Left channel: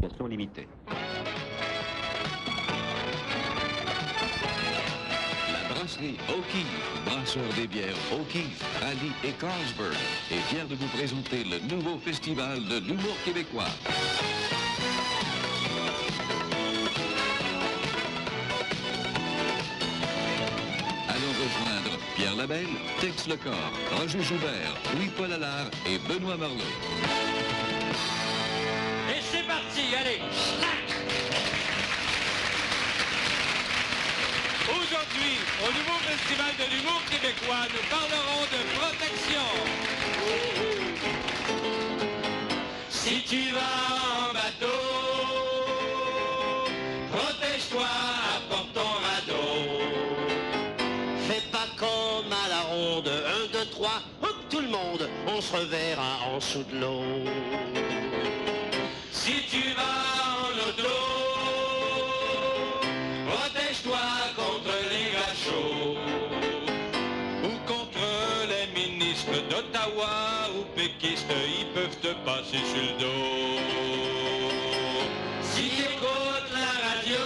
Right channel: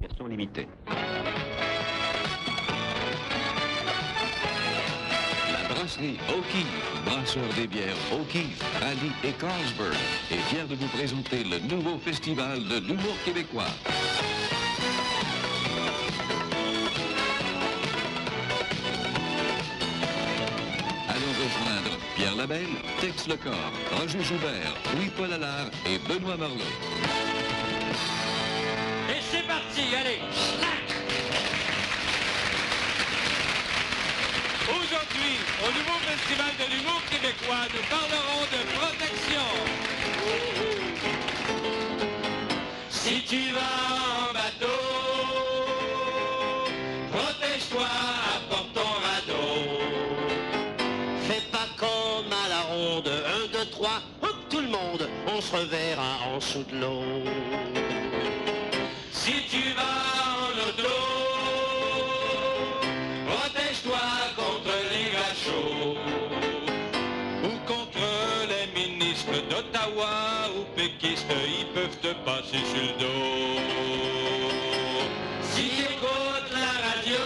Version limitée. La brasserie O'Keeffe, brasseur des bières O'Keeffe, Ali et Carlsberg, est fier de vous présenter le nouveau festival de l'humour québécois. Allons rejoindre Pierre Labelle, Tex Lecor, Roger Joubert, Louis-Paul Allard et Benoît Marleau. Et c'est parti, allez! Aujourd'hui, au nouveau Festival de l'humour québécois, nous parlerons de protection. Si tu vas en bateau, protège-toi, apporte ton radeau. Fais pas comme à la ronde, 1, 2, 3, hop, tout le monde, on se reverra en dessous de l'eau. Si tu vas en auto, protège-toi contre les gâchots ou contre les ministres d'Ottawa ou péquistes, ils peuvent te passer sur le dos. Si tu écoutes la radio,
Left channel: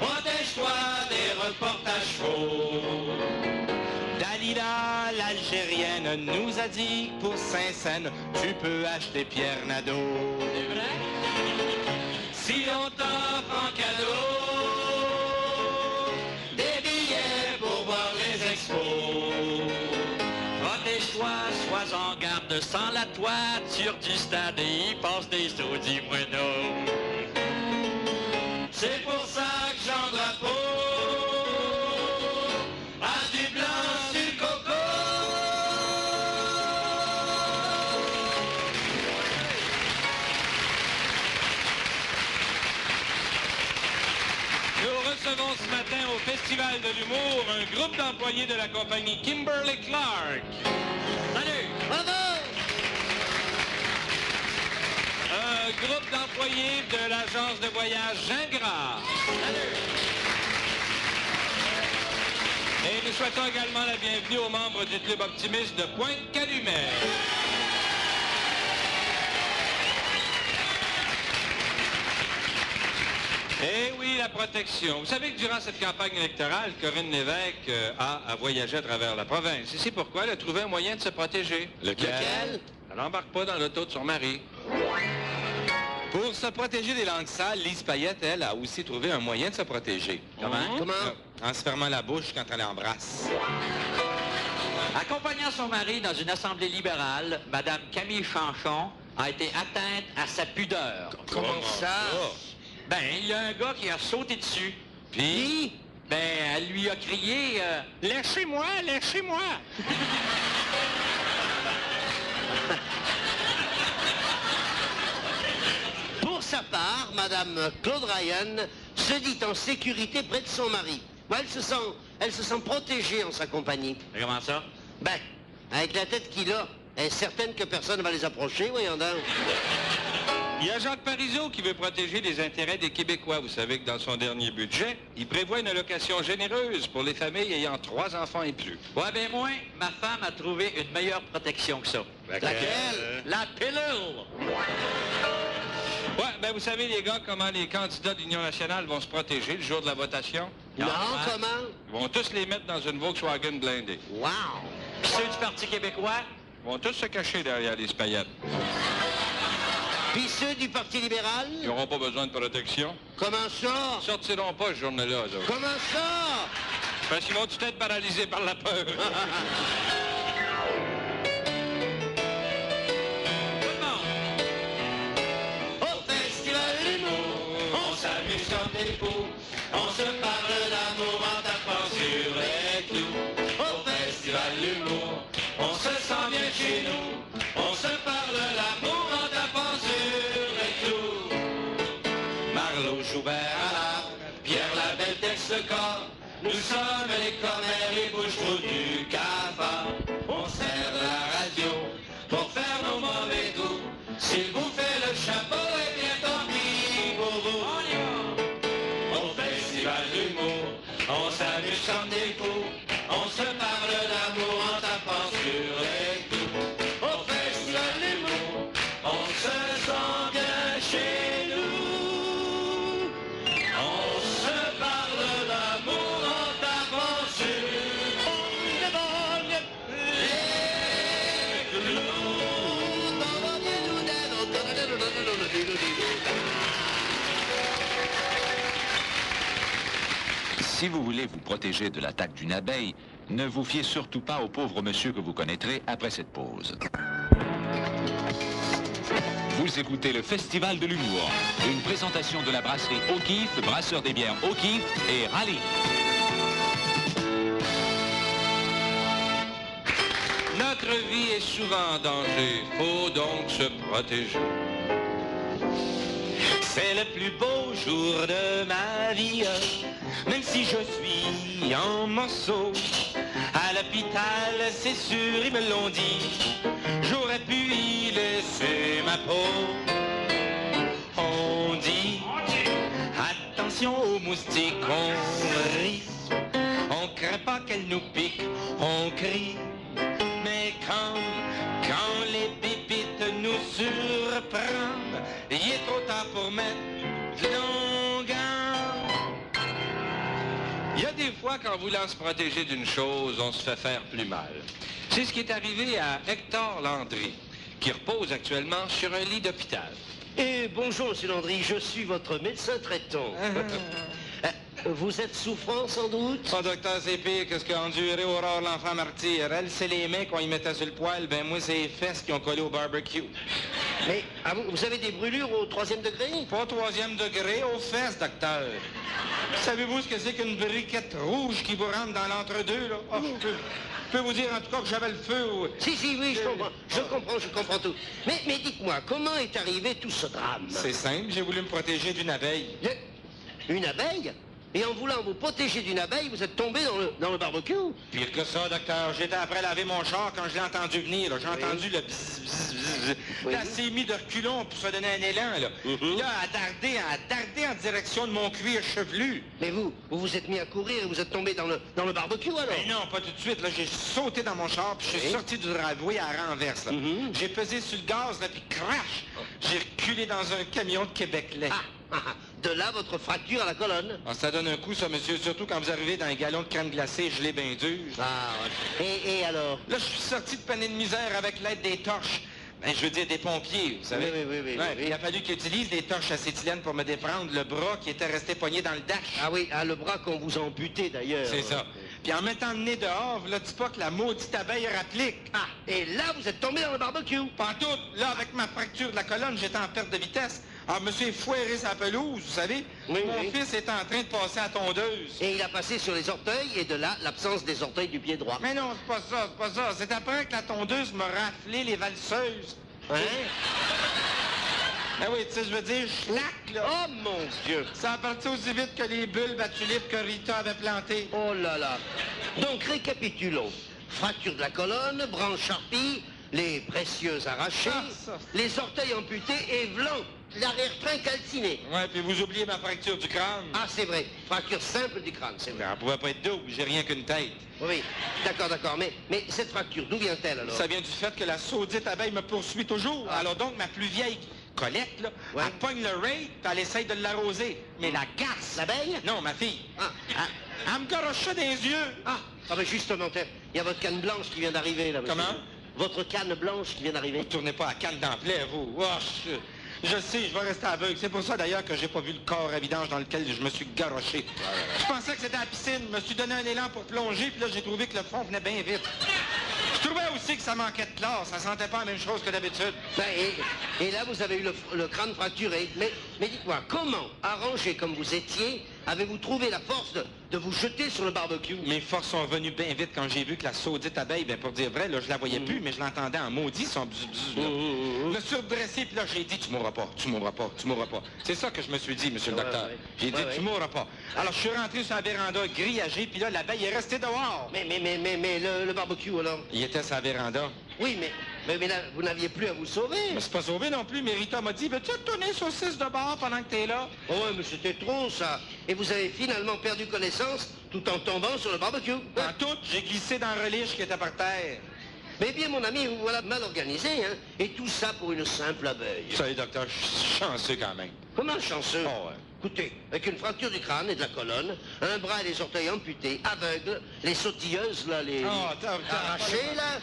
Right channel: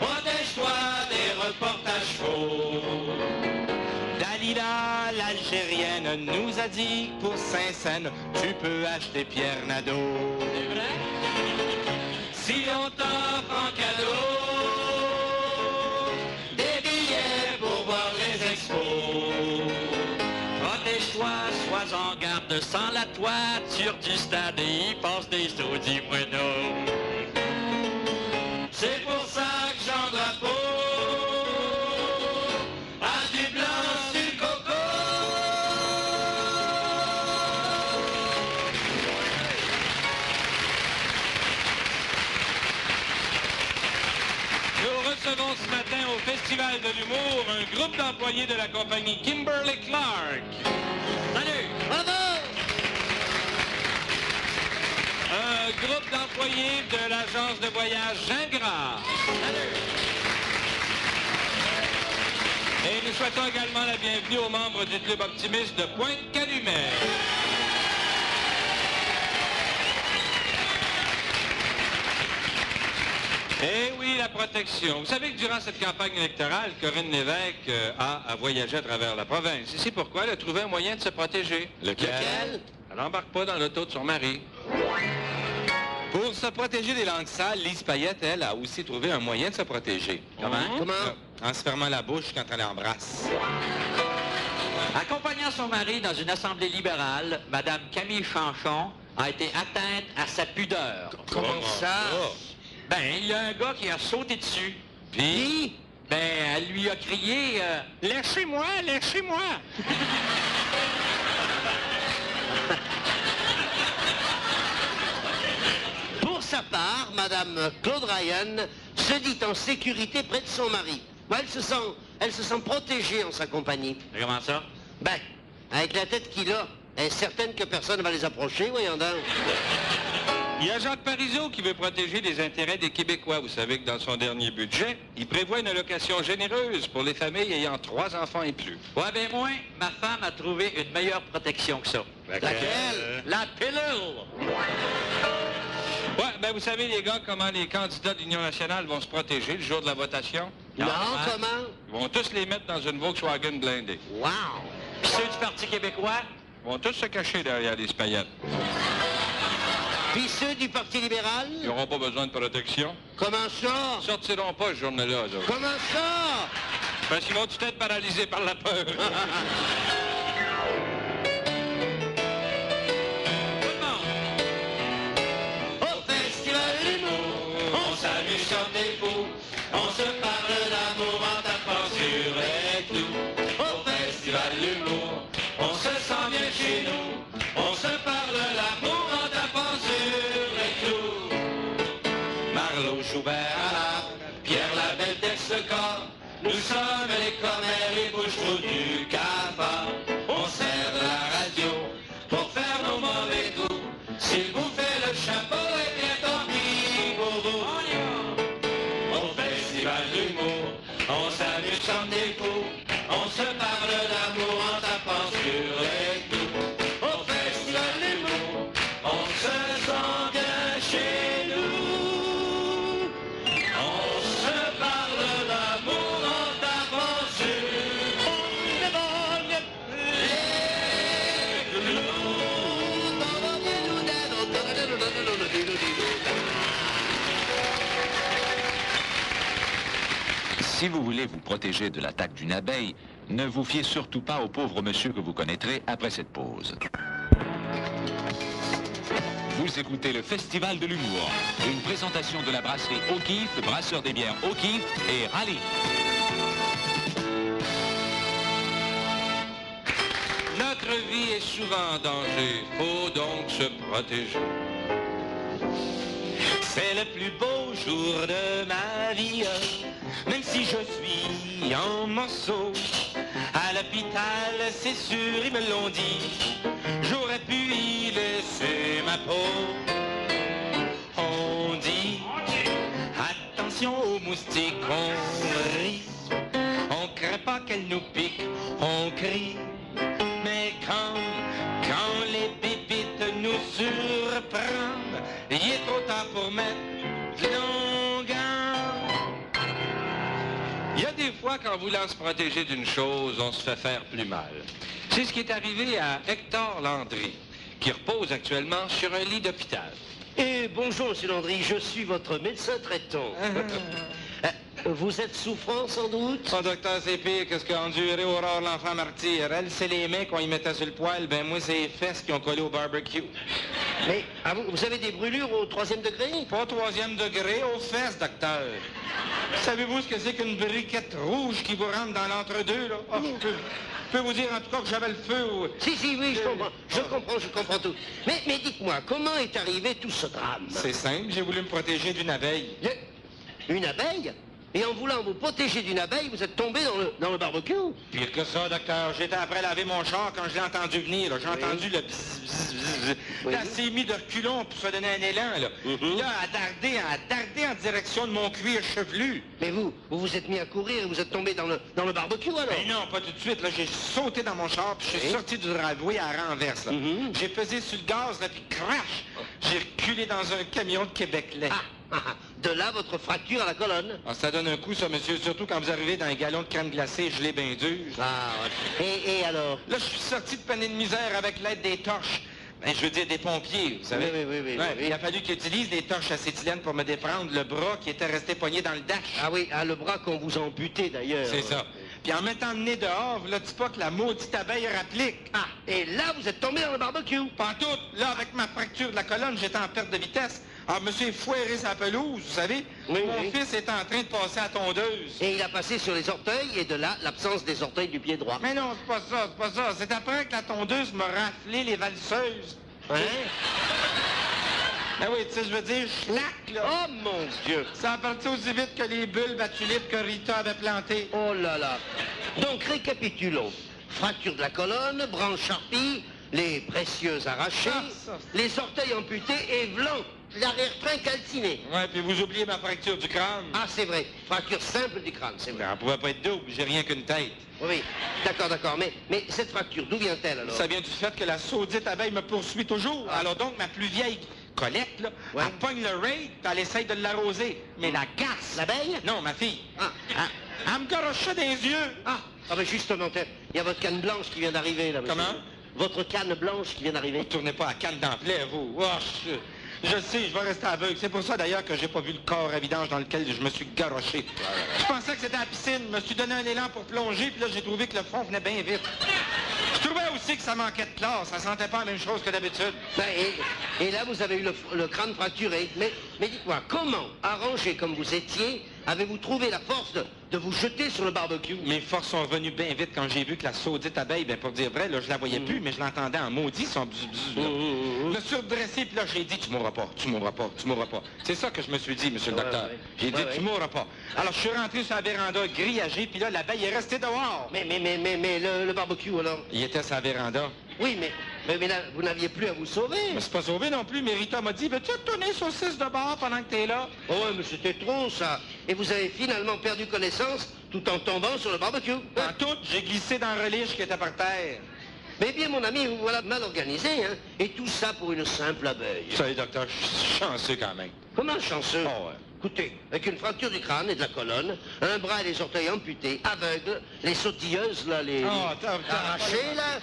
protège-toi des reportages faux. Dalila, l'Algérienne, nous a dit que pour Saint-Saëns, tu peux acheter Pierre Nadeau. C'est vrai? Si on t'offre en cadeau des billets pour voir les expos, protège-toi, sois en garde sans la toiture du stade et y passe des saudis moineaux. C'est pour ça que Jean Drapeau a du blanc sur le coco. Nous recevons ce matin au Festival de l'humour un groupe d'employés de la compagnie Kimberly-Clark. Salut! Bravo! Un groupe d'employés de l'agence de voyage Gingras. Salut! Et nous souhaitons également la bienvenue aux membres du Club optimiste de Pointe-Calumet. Eh oui, la protection. Vous savez que durant cette campagne électorale, Corinne Lévesque a voyagé à travers la province. Et c'est pourquoi elle a trouvé un moyen de se protéger. Lequel? Elle n'embarque pas dans l'auto de son mari. Pour se protéger des langues sales, Lise Payette, elle, a aussi trouvé un moyen de se protéger. Comment? En se fermant la bouche quand elle embrasse. Accompagnant son mari dans une assemblée libérale, Mme Camille Chanchon a été atteinte à sa pudeur. Comment ça? Ben, il y a un gars qui a sauté dessus. Puis? Ben, elle lui a crié Lâchez-moi, lâchez-moi! » Pour sa part, Madame Claude Ryan se dit en sécurité près de son mari. Moi, elle se sent protégée en sa compagnie. Comment ça? Ben, avec la tête qu'il a, elle est certaine que personne ne va les approcher, voyons donc. Il y a Jacques Parizeau qui veut protéger les intérêts des Québécois. Vous savez que dans son dernier budget, il prévoit une allocation généreuse pour les familles ayant 3 enfants et plus. Ouais, ben moi, ma femme a trouvé une meilleure protection que ça. Laquelle? La pilule! Ouais, ben vous savez, les gars, comment les candidats d'Union nationale vont se protéger le jour de la votation? Non, hein? comment? Ils vont tous les mettre dans une Volkswagen blindée. Wow! Puis ceux du Parti québécois? Ils vont tous se cacher derrière les paillettes. Puis ceux du Parti libéral? Ils n'auront pas besoin de protection. Comment ça? Ils sortiront pas ce journée-là, eux autres. Comment ça? Parce qu'ils vont tous être paralysés par la peur. Tout le monde! Au Festival de l'humour, On s'amuse comme des fous, on se parle d'amour en tapant sur les clous. Au Festival de l'humour, on se sent bien chez nous, on se parle d'amour en tapant sur les clous. Marleau, Joubert, Allard, Pierre Labelle, Tex Lecor, nous sommes les commères, les bouches-trous du cafard. On sert de la radio pour faire nos mauvais coups. S'il vous fait le chapeau, eh bien tant pis pour vous. On y va. Au Festival d'humour, on s'amuse comme des fous. On se parle d'amour en tapant sur les clous. Au Festival d'humour, on se sent bien Si vous voulez vous protéger de l'attaque d'une abeille, ne vous fiez surtout pas au pauvre monsieur que vous connaîtrez après cette pause. Vous écoutez le Festival de l'humour, une présentation de la brasserie O'Keeffe, brasseur des bières O'Keeffe et Rallye. Notre vie est souvent en danger, faut donc se protéger. C'est le plus beau jour de ma vie, même si je suis en morceaux. À l'hôpital, c'est sûr, ils me l'ont dit, j'aurais pu y laisser ma peau. On dit, attention aux moustiques, on rit, on craint pas qu'elles nous piquent, on crie. Mais quand les bébites nous surprennent, il est trop tard pour mettre de longueur. Il y a des fois, quand voulant se protéger d'une chose, on se fait faire plus mal. C'est ce qui est arrivé à Hector Landry, qui repose actuellement sur un lit d'hôpital. Et bonjour, monsieur Landry, je suis votre médecin traitant. Vous êtes souffrant, sans doute? Oh, docteur, c'est pire que ce qu'a enduré Aurore l'enfant martyr. Elle, c'est les mains qu'on y mettait sur le poêle, ben moi, c'est les fesses qui ont collé au barbecue. Mais vous avez des brûlures au 3e degré? Pas au 3e degré, aux fesses, docteur. Savez-vous ce que c'est qu'une briquette rouge qui vous rentre dans l'entre-deux, là? Oh, je peux vous dire, en tout cas, que j'avais le feu au... Si, oui, je comprends tout. Mais dites-moi, comment est arrivé tout ce drame? C'est simple, j'ai voulu me protéger d'une abeille. Une abeille? Et en voulant vous protéger d'une abeille, vous êtes tombé dans le barbecue? Pire que ça, docteur. J'étais après laver mon char quand je l'ai entendu venir. J'ai entendu le bzzz. Oui. Elle s'est mis de reculons pour se donner un élan. Là, là elle a dardé en direction de mon cuir chevelu. Mais vous êtes mis à courir et vous êtes tombé dans le barbecue, alors? Mais non, pas tout de suite. Là, j'ai sauté dans mon char, puis je suis sorti du driveway à la renverse. Là. J'ai pesé sur le gaz, là, puis crash! J'ai reculé dans un camion de Québec-Lait. De là, votre fracture à la colonne. Ah, ça donne un coup, ça, monsieur, surtout quand vous arrivez dans un galon de crème glacée gelée bien dur. Ouais. Et alors? Là, je suis sorti de panier de misère avec l'aide des torches. Ben, je veux dire des pompiers, vous savez. Oui. Il a fallu qu'ils utilisent des torches acétylène pour me déprendre le bras qui était resté poigné dans le dash. Ah oui, le bras qu'on vous a amputé, d'ailleurs. C'est ça. Puis en mettant le nez dehors, vous ne dites pas que la maudite abeille rapplique. Et là, vous êtes tombé dans le barbecue. Pantoute, là, avec ma fracture de la colonne, j'étais en perte de vitesse. Alors, monsieur foiré sa pelouse, vous savez. Mon fils est en train de passer à tondeuse. Et il a passé sur les orteils, et de là, l'absence des orteils du pied droit. Mais non, c'est pas ça. C'est après que la tondeuse m'a raflé les valseuses. Hein? Ah oui, tu sais, je veux dire, schlac, là. Oh, mon Dieu! Ça a parti aussi vite que les bulbes à tulipes que Rita avait plantées. Oh là là! Donc, récapitulons. Fracture de la colonne, branche charpie, les précieuses arrachées, les orteils amputés et vlan, l'arrière-train calciné. Ouais, puis vous oubliez ma fracture du crâne. Ah, c'est vrai. Fracture simple du crâne, c'est vrai. Ben, elle pouvait pas être double, j'ai rien qu'une tête. Oui, d'accord. Mais cette fracture, d'où vient-elle, alors? Ça vient du fait que la saudite abeille me poursuit toujours. Alors donc, ma plus vieille Colette, là, elle pogne le raid, puis elle essaye de l'arroser. Mais la garce... L'abeille? Non, ma fille. Elle me garoche ça dans les yeux. Ben justement, il y a votre canne blanche qui vient d'arriver, là, monsieur. Comment? Votre canne blanche qui vient d'arriver. Vous tournez pas à canne d'emploi, vous. Oh, je sais, je vais rester aveugle. C'est pour ça, d'ailleurs, que j'ai pas vu le corps à vidange dans lequel je me suis garoché. Je pensais que c'était à la piscine. Je me suis donné un élan pour plonger, puis là, j'ai trouvé que le fond venait bien vite. Je trouvais aussi que ça manquait de classe. Ça sentait pas la même chose que d'habitude. Et là, vous avez eu le crâne fracturé. Mais dites-moi, comment, arrangé comme vous étiez, avez-vous trouvé la force de vous jeter sur le barbecue? Mes forces sont revenues bien vite quand j'ai vu que la saudite abeille, ben pour dire vrai, là, je la voyais plus, mais je l'entendais en maudit, son bzz, là. Je me suis redressé, puis là, j'ai dit, tu mourras pas. C'est ça que je me suis dit, monsieur le docteur. J'ai dit, tu mourras pas. Alors, je suis rentré sur la véranda grillagée, puis là, l'abeille est restée dehors. Mais le barbecue, alors? Il était sur la véranda. Oui, mais là, vous n'aviez plus à vous sauver. Je me suis pas sauvé non plus, mais Rita m'a dit, veux-tu retourner saucisse de bord pendant que t'es là? Oh, ouais, mais c'était trop, ça. Et vous avez finalement perdu connaissance tout en tombant sur le barbecue. En tout, j'ai glissé dans le reliche qui était par terre. Mais bien, mon ami, vous voilà mal organisé, hein. Et tout ça pour une simple abeille. Vous savez, docteur, je suis chanceux quand même. Comment chanceux? Oh, ouais. Écoutez, avec une fracture du crâne et de la colonne, un bras et les orteils amputés, aveugle, les sautilleuses, là, les arrachées, là,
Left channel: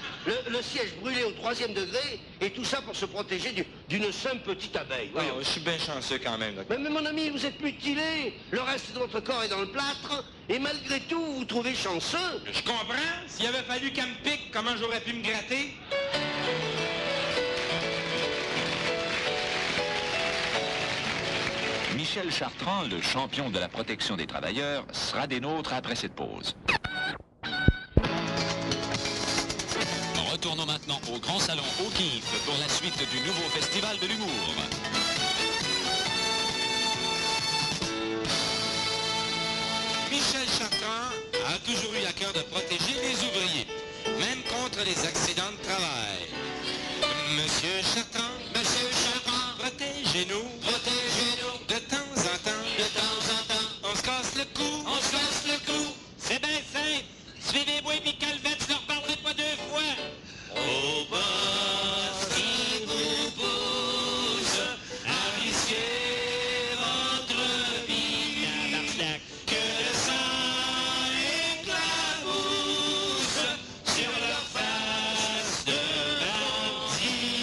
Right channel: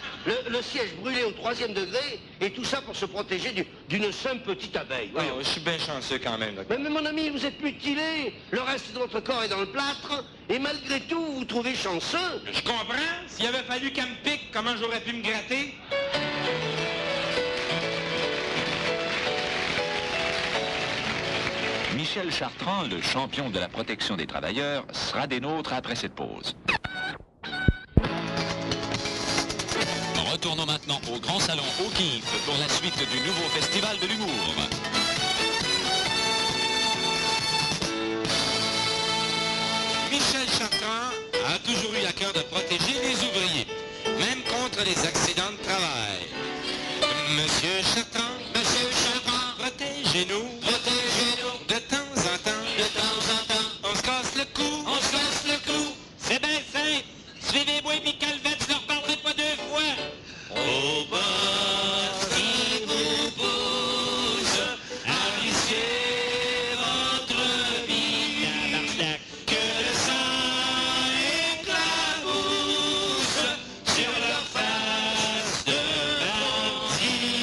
le siège brûlé au 3e degré, et tout ça pour se protéger d'une simple petite abeille. Voyons. Je suis bien chanceux quand même, docteur. Mais mon ami, vous êtes mutilé. Le reste de votre corps est dans le plâtre, et malgré tout, vous vous trouvez chanceux. Je comprends. S'il avait fallu qu'elle me pique, comment j'aurais pu me gratter? Michel Chartrand, le champion de la protection des travailleurs, sera des nôtres après cette pause. Retournons maintenant au Grand Salon O'Keeffe pour la suite du nouveau Festival de l'humour. Michel Chartrand a toujours eu à cœur de protéger les ouvriers, même contre les accidents de travail. Monsieur Chartrand, protégez-nous, de temps en temps, on se casse le cou, C'est bien simple. Suivez-moi et Calvette, je leur parlerai pas 2 fois. Au boss, il vous pousse à risquer votre vie. Que le sang éclabousse sur leur face de bandit.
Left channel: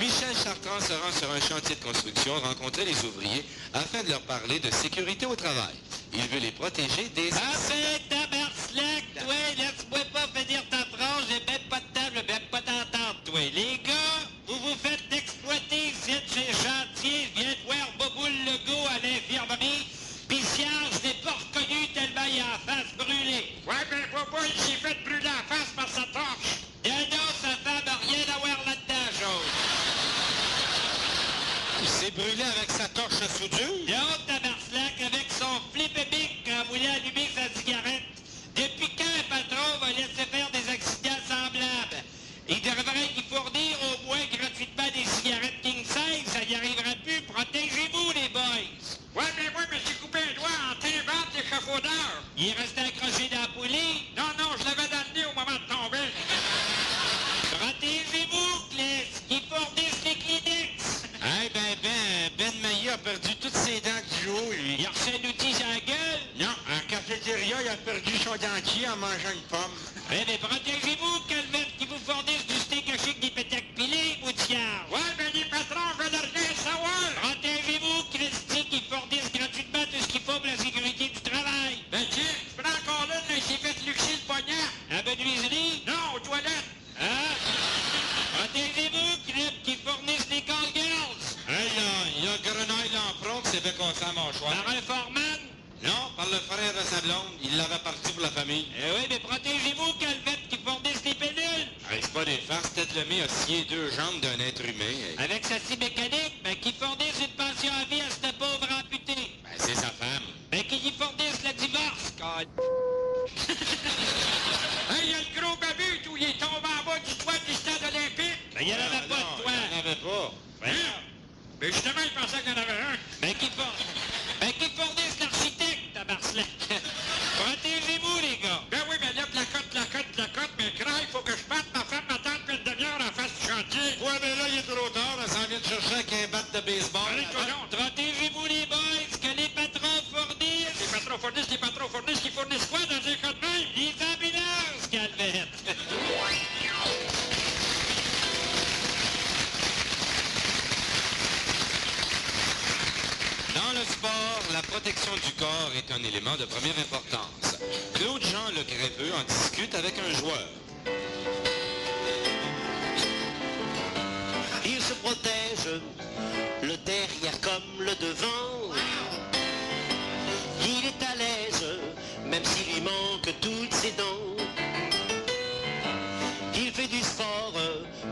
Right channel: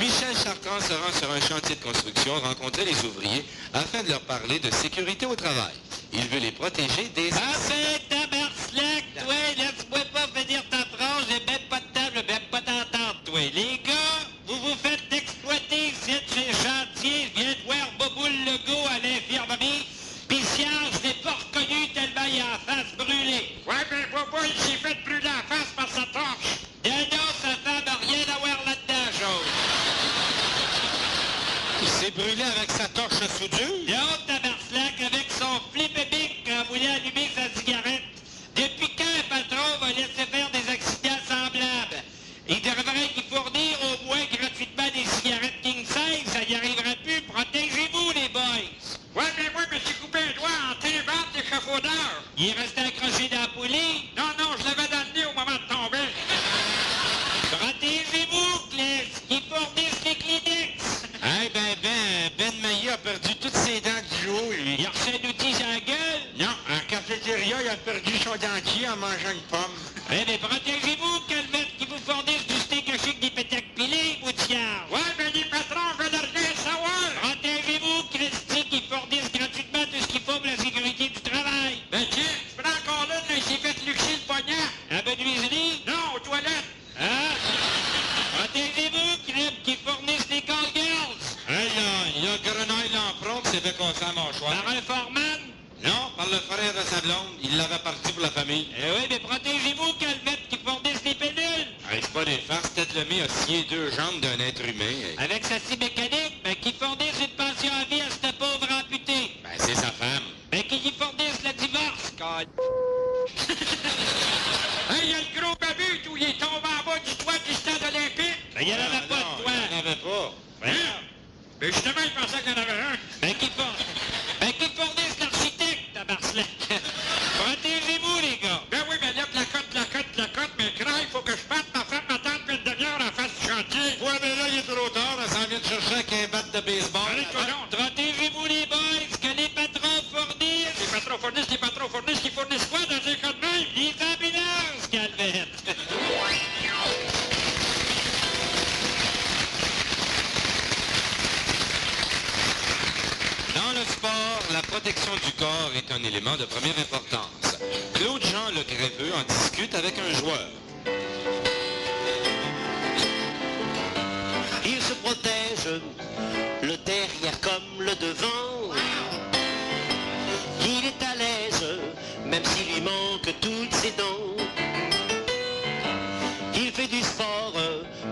Michel Chartrand se rend sur un chantier de construction rencontrer les ouvriers afin de leur parler de sécurité au travail. Il veut les protéger des... Enfin, tabarnak, toi, laisse-moi pas finir ta phrase, j'ai même pas de table, même pas d'entente, toi. Les gars, vous vous faites exploiter ici chez chantier, je viens de voir Boboul Legault à l'infirmerie, pis Sian, je l'ai pas reconnu tellement il a la face brûlée. Ouais, ben, Bobo, il s'est fait brûler la face par sa torche. Non, sa femme a rien à voir là-dedans, chose. Il s'est brûlé avec sa torche à soudure. Non, tabarnak, avec son flip-a-bic quand voulait allumer sa cigarette. Depuis quand un patron va laisser faire des accidents semblables? Il devrait y fournir au moins gratuitement des cigarettes King Size, ça n'y arrivera plus. Protégez-vous, les boys. Ouais, mais moi, je me suis coupé un doigt en téléphone d'échafaudeur. Il est resté accroché dans la poulie. Non, je l'avais dans le nez au moment de tomber. Protégez-vous, Clés, qui fournissent les Kleenex. Ben Maillet a perdu toutes ses dents du haut, lui. Il a reçu un outil dans la gueule. Non, en cafétéria, il a perdu son dentier en mangeant une pomme. Eh bien, protégez-vous, Calvette, qui vous fournissent du steak haché avec des pétacles pilés, Boutiard. Ouais, mais les patrons veulent rien savoir. Protégez-vous, Christy, qui fournissent gratuitement tout ce qu'il faut pour la sécurité du travail. Ben tiens, tu prends encore là, il s'est fait luxer le poignard. À menuiserie? Non, aux toilettes. Hein? Protégez-vous, Crib, qui fournissent les call girls. Hey, il y a Grenaille l'empreinte, c'est fait contre la mâchoire. Par un foreman? Non, par le frère de sa blonde. Il l'avait parti pour la famille. Eh oui, mais protégez-vous, Calvette, qui fournissent les pédules. Hey, c'est pas des farces. Tête Lemay a scié 2 jambes d'un être humain. Hey. Avec sa scie mécanique, ben, qui fournissent une pension à vie à cette pauvre amputée. Ben, c'est sa femme. Ben, qui y fournissent le divorce. Hey, il y a le gros babu, tout, il est tombé en bas du toit du stade olympique. Ben, il n'y en avait pas de toi. Il n'y en avait pas. Hein? Mais justement, il pensait qu'il y en avait un. Ben, qui fournissent l'architecte, tabarnak. Protégez-vous, les gars. Ben oui, mais là, placote, mais crains, il faut que je parte. Ma femme m'attend depuis une demi-heure en face du chantier. Ouais, mais là, il est trop tard. Elle s'en vient de chercher avec un bat de baseball. Allez, coudonc. Protégez-vous, les boys, que les patrons fournissent. Les patrons fournissent, ils fournissent quoi dans un cas de même? Les ambulances, Calvette. Dans le sport, la protection du corps est un élément de première importance. Claude Jean Le Greffeux en discute avec un joueur. Il se protège, le derrière comme le devant. Il est à l'aise, même s'il lui manque toutes ses dents. Il fait du sport,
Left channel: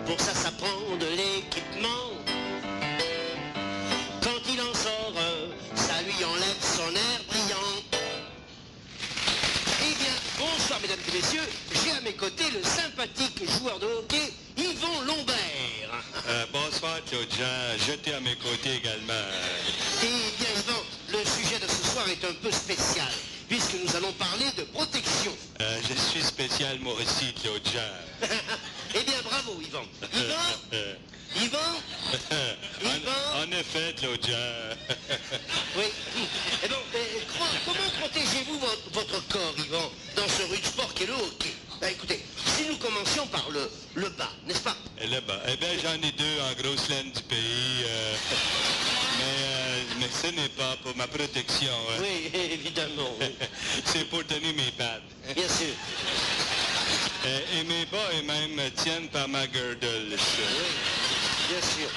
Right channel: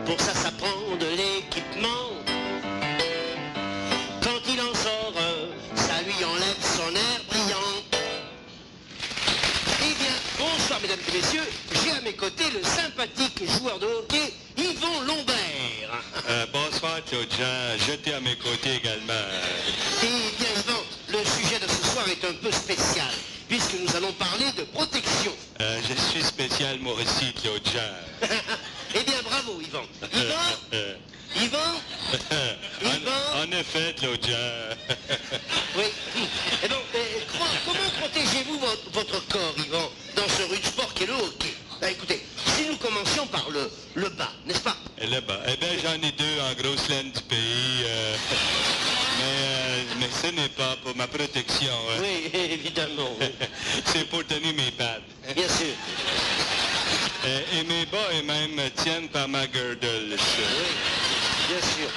pour ça prend de l'équipement. Quand il en sort, ça lui enlève son air brillant. Eh bien, bonsoir mesdames et messieurs, j'ai à mes côtés le sympathique joueur de hockey, Yvon Lombert. Bonsoir, Claude Jean. J'étais à mes côtés également. Eh bien, Yvan, le sujet de ce soir est un peu spécial, puisque nous allons parler de protection. Je suis spécial, moi aussi, Claude Jean. Eh bien, bravo, Yvan. Yvan, En fait, Claude Jean. Oui. Et donc, comment protégez-vous votre corps, Yvan, dans ce rude sport qu'est le hockey? Ben, écoutez, si nous commencions par le bas, n'est-ce pas? Le bas. Eh bien, j'en ai deux en grosse laine du pays. Mais ce n'est pas pour ma protection. Hein. Oui, évidemment. Oui. C'est pour tenir mes pattes. Bien sûr. Et mes bas eux-mêmes tiennent par ma girdle. Oui, bien sûr.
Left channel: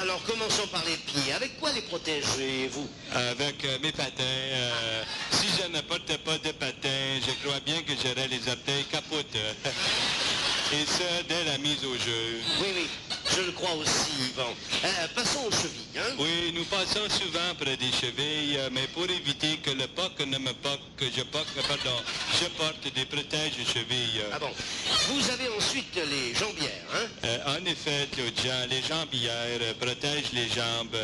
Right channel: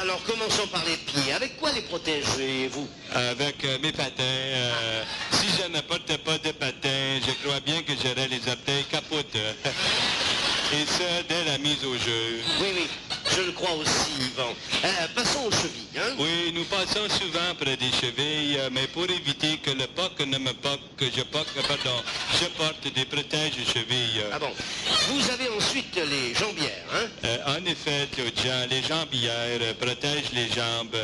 Alors, commençons par les pieds. Avec quoi les protégez-vous? Avec mes patins. Si je ne portais pas de patins, je crois bien que j'aurais les orteils capotes. Et ça, dès la mise au jeu. Oui, oui, je le crois aussi, Yvan. Passons aux chevilles, hein? Oui, nous passons souvent près des chevilles, mais pour éviter que le puck ne me puck, je porte des protèges chevilles. Ah bon? Vous avez ensuite les jambières, hein? En effet, Claude Jean, les jambières protègent les jambes.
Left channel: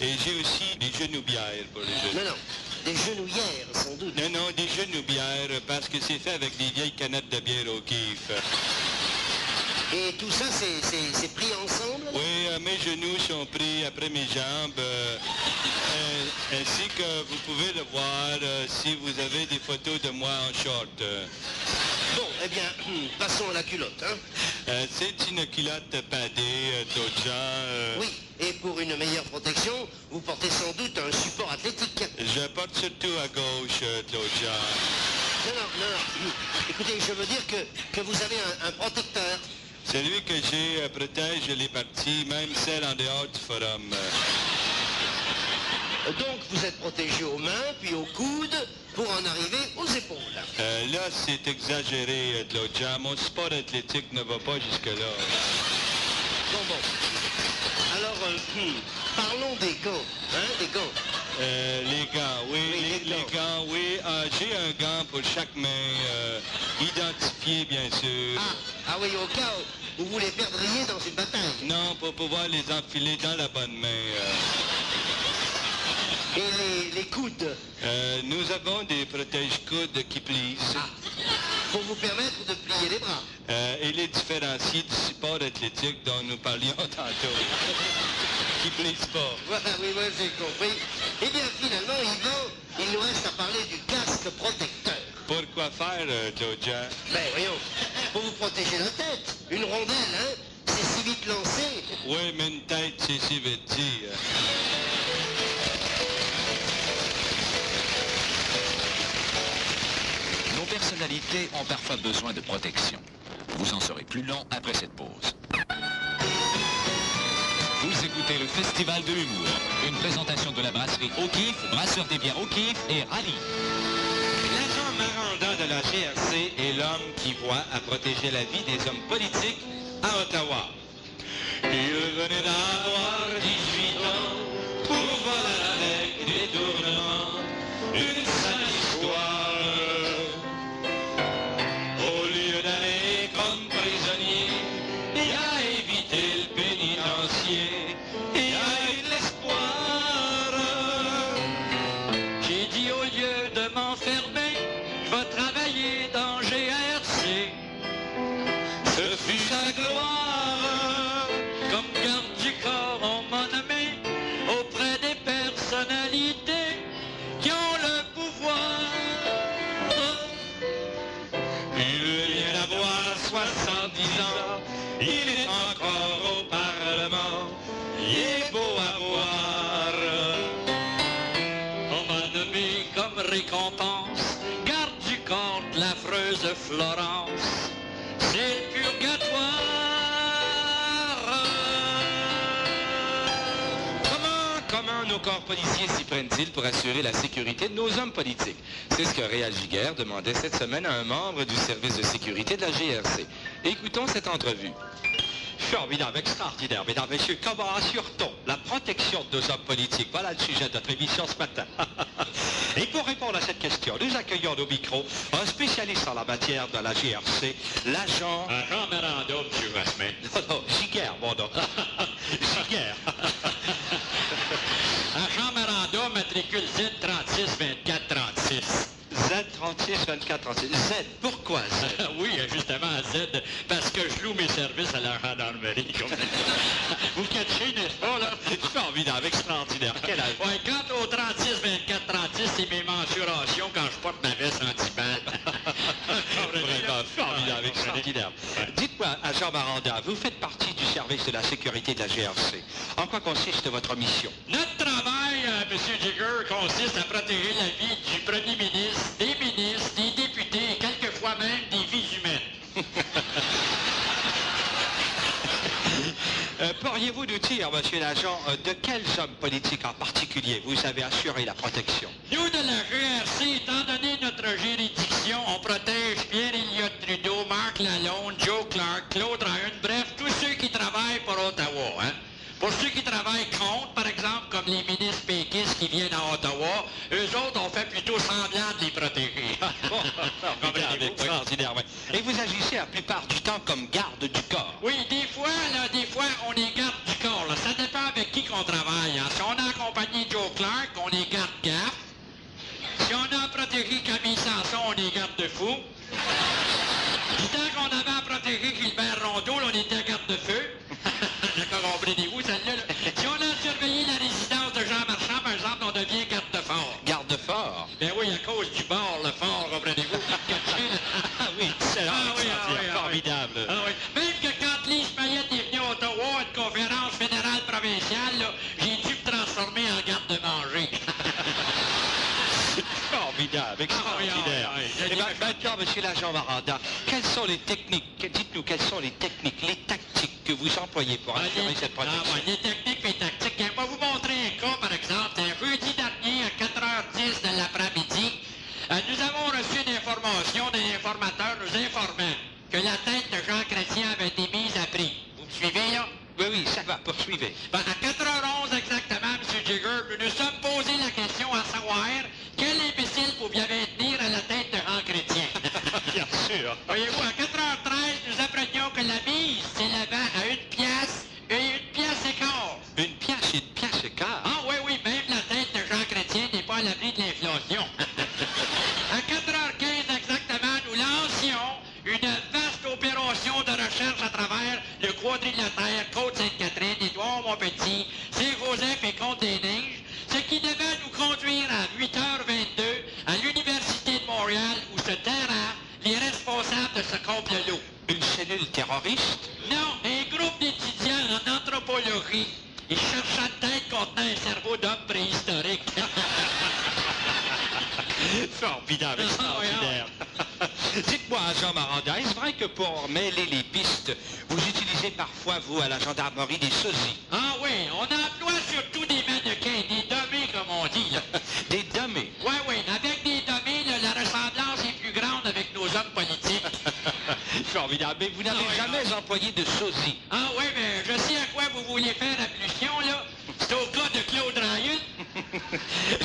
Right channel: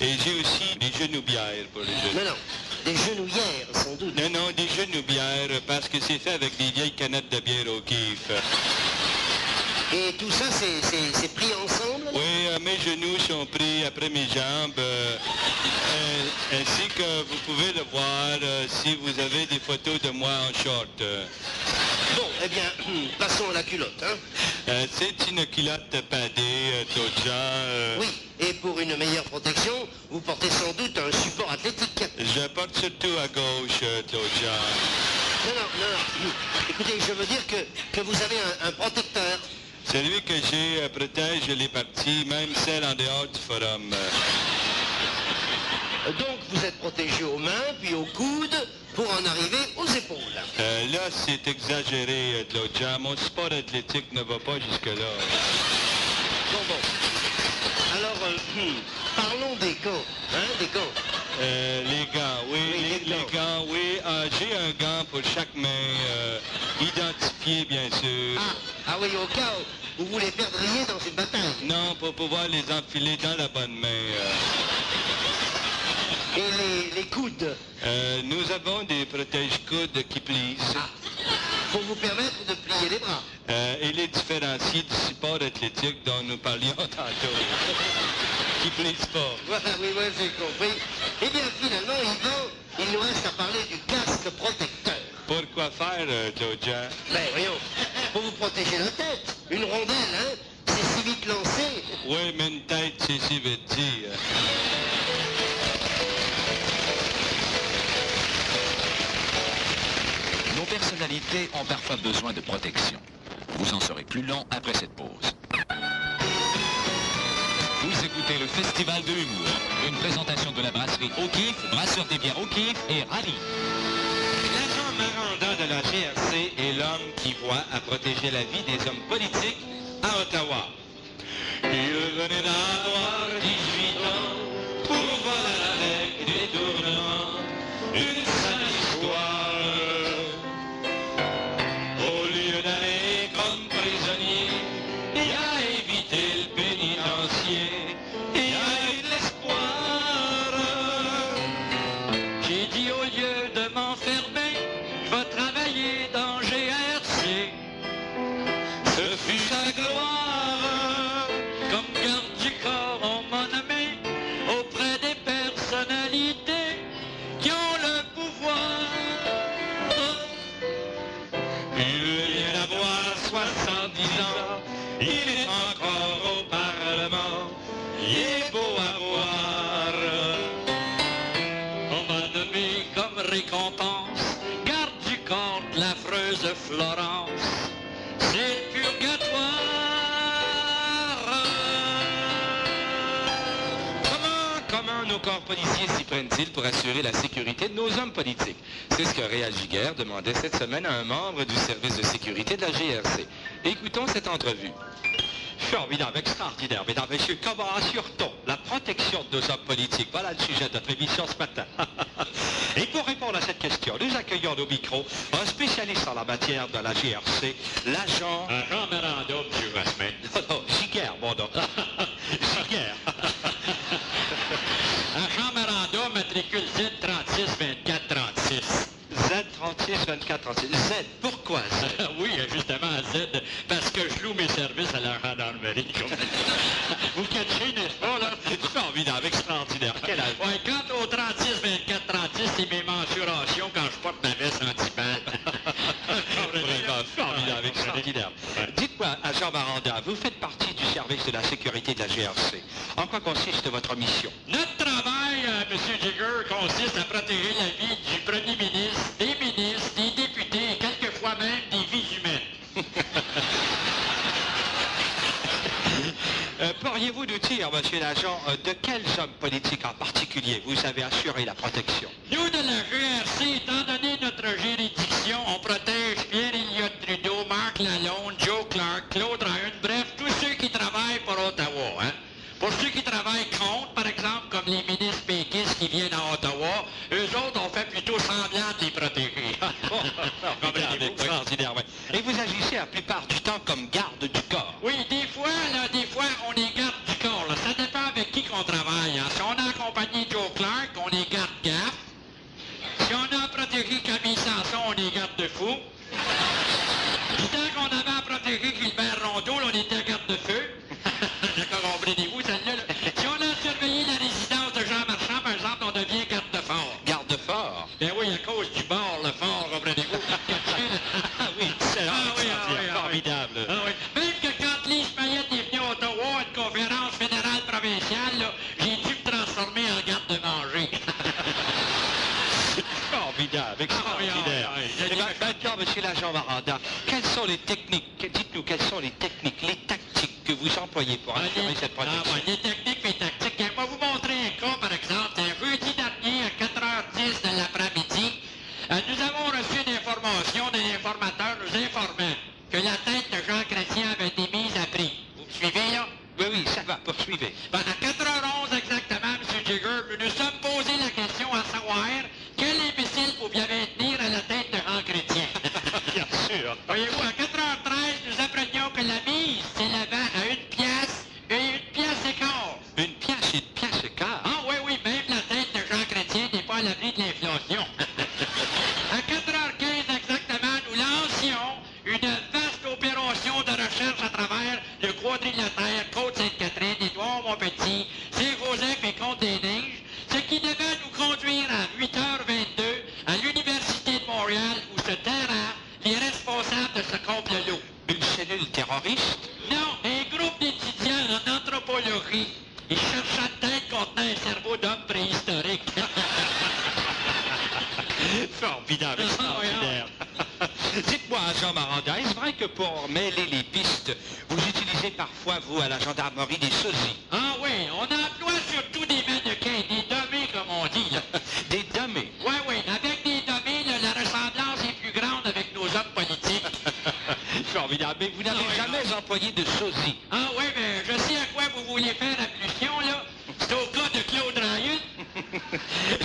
Et j'ai aussi des genoubières pour les genoux. Non, des genouillères, sans doute. Non, des genoubières, parce que c'est fait avec des vieilles canettes de bière au kiff. Et tout ça, c'est pris ensemble? Oui, mes genoux sont pris après mes jambes, ainsi que vous pouvez le voir si vous avez des photos de moi en short. Bon, eh bien, passons à la culotte, hein? C'est une culotte padée, Claude Jean. Oui, et pour une meilleure protection, vous portez sans doute un support athlétique. Je porte surtout à gauche, Claude Jean. Non. Écoutez, je veux dire que vous avez un protecteur. Celui que j'ai protège les parties, même celles en dehors du forum. Donc vous êtes protégé aux mains, puis aux coudes, pour en arriver aux épaules. Là, c'est exagéré, Claude Jean. Mon sport athlétique ne va pas jusque-là. Bon. Alors, parlons des gants, hein, des gants. Les gants, oui. Oui, les gants, oui. J'ai un gant pour chaque main, identifié, bien sûr. Ah oui, au cas où vous les perdriez dans une bataille. Non, pour pouvoir les enfiler dans la bonne main. Et les coudes? Nous avons des protège-coudes qui plissent. Pour vous permettre de plier les bras. Et les différencier du support athlétique dont nous parlions tantôt. Qui plissent pas. Voilà, oui, j'ai compris. Eh bien, finalement, Yvan, il nous reste à parler du casque protecteur. Pourquoi faire, Claude Jean? Ben, voyons, pour vous protéger la tête. Une rondelle, hein? C'est si vite lancé. Oui, mais une tête, c'est si vite dit. Nos personnalités ont parfois besoin de protection. Vous en serez plus long après cette pause. Vous écoutez le Festival de l'humour, une présentation de la brasserie O'Keeffe, brasseur des bières O'Keeffe et Rallye. L'agent Maranda de la GRC est l'homme qui voit à protéger la vie des hommes politiques à Ottawa. Il venait d'avoir 18 ans pour voir avec détournement une sale histoire. Au lieu d'aller comme prisonnier et à éviter le pénitencier, il y a eu de l'espoir. J'ai dit au lieu de m'enfermer, va travailler dans GRC. Ce fut sa gloire, comme garde du corps on m'a nommé, auprès des personnalités qui ont le pouvoir. Il vient d'avoir 70 ans, il est encore au Parlement, il est beau à voir. On m'a nommé comme récompense, garde du corps de l'affreuse Florence. C'est purgatoire. Comment nos corps policiers s'y prennent-ils pour assurer la sécurité de nos hommes politiques? C'est ce que Réal Giguère demandait cette semaine à un membre du service de sécurité de la GRC. Écoutons cette entrevue. Formidable, extraordinaire, mesdames, messieurs. Comment assure-t-on la protection de nos hommes politiques? Voilà le sujet de notre émission ce matin. Et pour répondre à cette question, nous accueillons au micro un spécialiste en la matière de la GRC, l'agent... Un memorandum, M. Rasmin. Non, Giguère, mon nom. Giguère. Un memorandum matricule Z36 24 36. Z36 24 36. Z, pourquoi Z? Oui, justement Z, parce que je loue mes un service à la gendarmerie. Vous catchez, n'est-ce pas, là? C'est formidable, extraordinaire. Quel âge? Ouais, quant au 36, 24, 36, c'est mes mensurations quand je porte ma veste anti-balle. Vraiment formidable, extraordinaire. Dites-moi, agent Maranda, vous faites partie du service de la sécurité de la GRC. En quoi consiste votre mission? Notre travail, M. Digger, consiste à protéger la vie du premier ministre, des députés et quelquefois même des vies humaines. Pourriez-vous nous dire, monsieur l'agent, de quels hommes politiques en particulier vous avez assuré la protection? Nous, de la GRC, étant donné notre juridiction, on protège Pierre-Éliott Trudeau, Marc Lalonde, Joe Clark, Claude Ryan, bref, tous ceux qui travaillent pour Ottawa, hein. Pour ceux qui travaillent contre, par exemple, comme les ministres péquistes qui viennent à Ottawa, eux autres ont fait plutôt semblant de les protéger. Extraordinaire, ouais. Et vous agissez la plupart du temps comme garde du corps? Oui, des fois, on est garde du corps. Là. Ça dépend avec qui qu'on travaille. Hein. Si on a accompagné Joe Clark, on est garde-garde. Si on a protégé Camille Sanson, on est garde-de-fou. Tant qu'on avait à protéger Gilbert Rondeau, là, on était garde-de-feu. D'accord, comprenez-vous, celle-là. Si on a surveillé la résidence de Jean Marchand, par exemple, on devient garde-fort. Garde-fort? Ben oui, à cause du bord, le fort, comprenez-vous. Ah oui, c'est formidable. Ah, oui. Même que quand Lise Mayette est venue à Ottawa à une conférence fédérale provinciale, là, j'ai dû me transformer en garde-manger. Formidable, extraordinaire. Maintenant, monsieur l'agent Maranda, quelles sont les techniques, dites-nous quelles sont les techniques, les tactiques que vous employez pour assurer cette protection? Les techniques et tactiques. Je vais vous montrer un cas, par exemple. Un jeudi dernier, à 4h10 de l'après-midi, nous avons reçu une information d'un informateur nous informant que la tête de Jean Chrétien avait été mise à prix. Vous me suivez, là? Oui, ça va, poursuivez. Ben, à 4h11 exactement, M. Jigger, nous nous sommes posé la question à savoir quel imbécile pouvait tenir à la tête de Jean Chrétien. Bien sûr. Voyez-vous, à 4h13, nous apprenions que la mise s'élevait à 1 pièce et 1 pièce et quart. Une pièce et quart? Ah oui, même la tête de Jean Chrétien n'est pas à l'abri de l'inflation. À 4h15 exactement, nous lancions une vaste opération de recherche à travers le quadrilatère Côte-Sainte-Catherine, Édouard-Montpetit, Saint-Joseph et Côte-des-Neiges, ce qui devait nous conduire à 8h22 à l'Université de Montréal où se terraient les responsables de ce complot. Une cellule terroriste? Non, un groupe d'étudiants en anthropologie. Ils cherchaient une tête contenant un cerveau d'homme préhistorique. Formidable, extraordinaire. Dites-moi, agent Maranda, est-ce vrai que pour mêler les pistes, vous utilisez parfois, vous, à la gendarmerie, des sosies? Ah oui, on emploie surtout des mannequins, des dummies, comme on dit. Là. Des dummies? Oui, avec des dummies, là, la ressemblance est plus grande avec nos hommes politiques. Formidable, mais vous n'avez jamais employé de sosie. Ah oui, mais je sais à quoi vous voulez faire allusion, là. C'est au cas de Claude Ryan.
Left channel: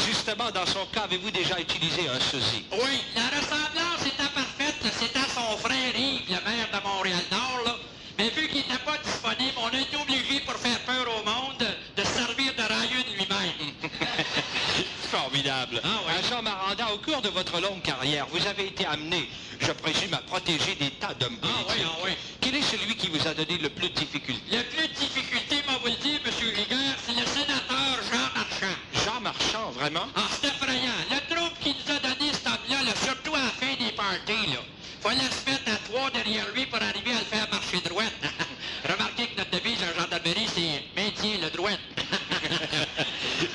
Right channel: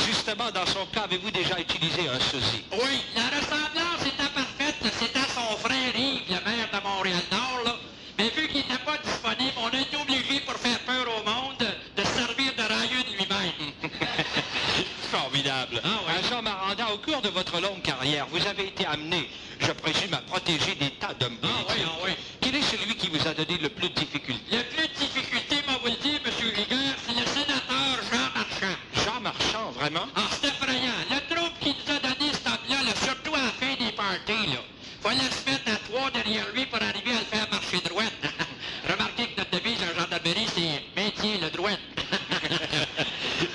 Justement, dans son cas, avez-vous déjà utilisé un sosie? Oui, la ressemblance était parfaite. C'était son frère Yves, le maire de Montréal-Nord, là. Mais vu qu'il n'était pas disponible, on a été obligé, pour faire peur au monde, de se servir de Ryan lui-même. Formidable. Agent Maranda, au cours de votre longue carrière, vous avez été amené, je présume, à protéger des tas d'hommes politiques. Ah oui. Quel est celui qui vous a donné le plus de difficultés? Le plus de difficultés, moi vous le dire, M. Rigueur, c'est le sénateur Jean Marchand. Jean Marchand, vraiment? Ah, c'est effrayant. Le trouble qu'il nous a donné cet homme-là, là, surtout à la fin des parties, là. Fallait se mettre à 3 derrière lui pour arriver à le faire marcher droite. Remarquez que notre devise en gendarmerie, c'est « Maintiens le droit ».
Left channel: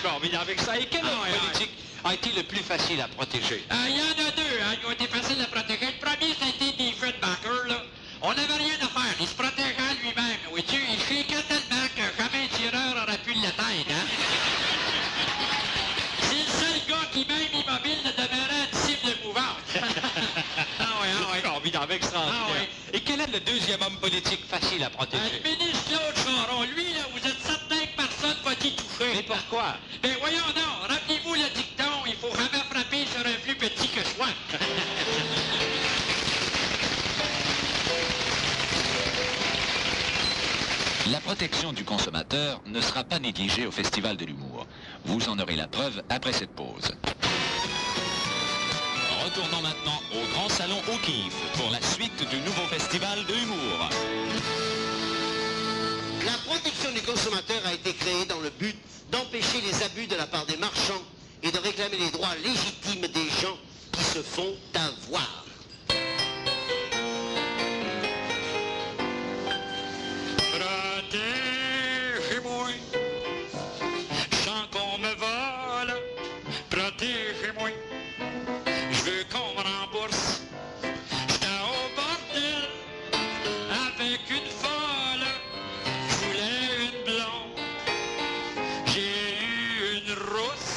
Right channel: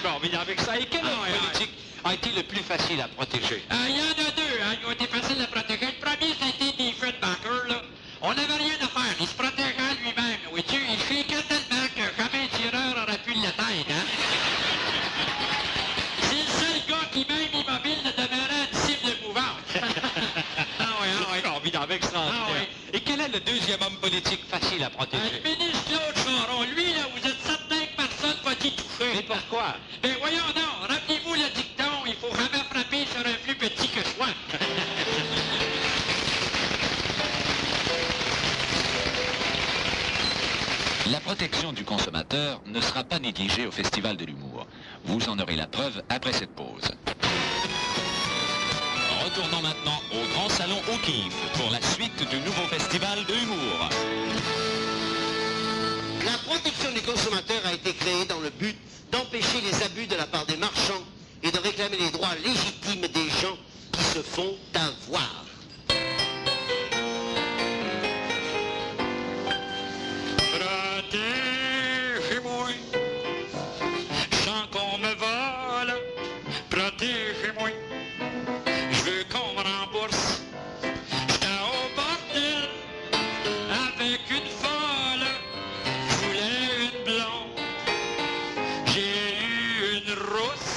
Formidable avec ça. Et quel homme politique a été le plus facile à protéger? Il y en a deux qui ont été faciles à protéger. Le premier, c'était Diefenbacher, là. On n'avait rien à faire. Il se protégeait lui-même. Oui, tu sais, il chiquait tellement que jamais un tireur aurait pu l'atteindre, hein. C'est le seul gars qui, même immobile, ne demeurait une cible mouvante. Formidable, extraordinaire. Et quel est le deuxième homme politique facile à protéger? Le ministre Claude Charon, lui, là, vous êtes certain que personne va t'y toucher. Mais pourquoi? Ben voyons non, rappelez-vous le dicton, il faut jamais frapper sur un plus petit que soi. La protection du consommateur ne sera pas négligée au Festival de l'humour. Vous en aurez la preuve après cette pause. retournons maintenant au Grand Salon O'Keeffe pour la suite du nouveau festival de l'humour. La protection du consommateur a été créée dans le but d'empêcher les abus de la part des marchands et de réclamer les droits légitimes des gens qui se font avoir. Protégez-moi, sans qu'on me vole. Protégez-moi, je veux qu'on me rembourse. J'étais au bordel avec une folle. Je voulais une blonde, j'ai eu une rousse.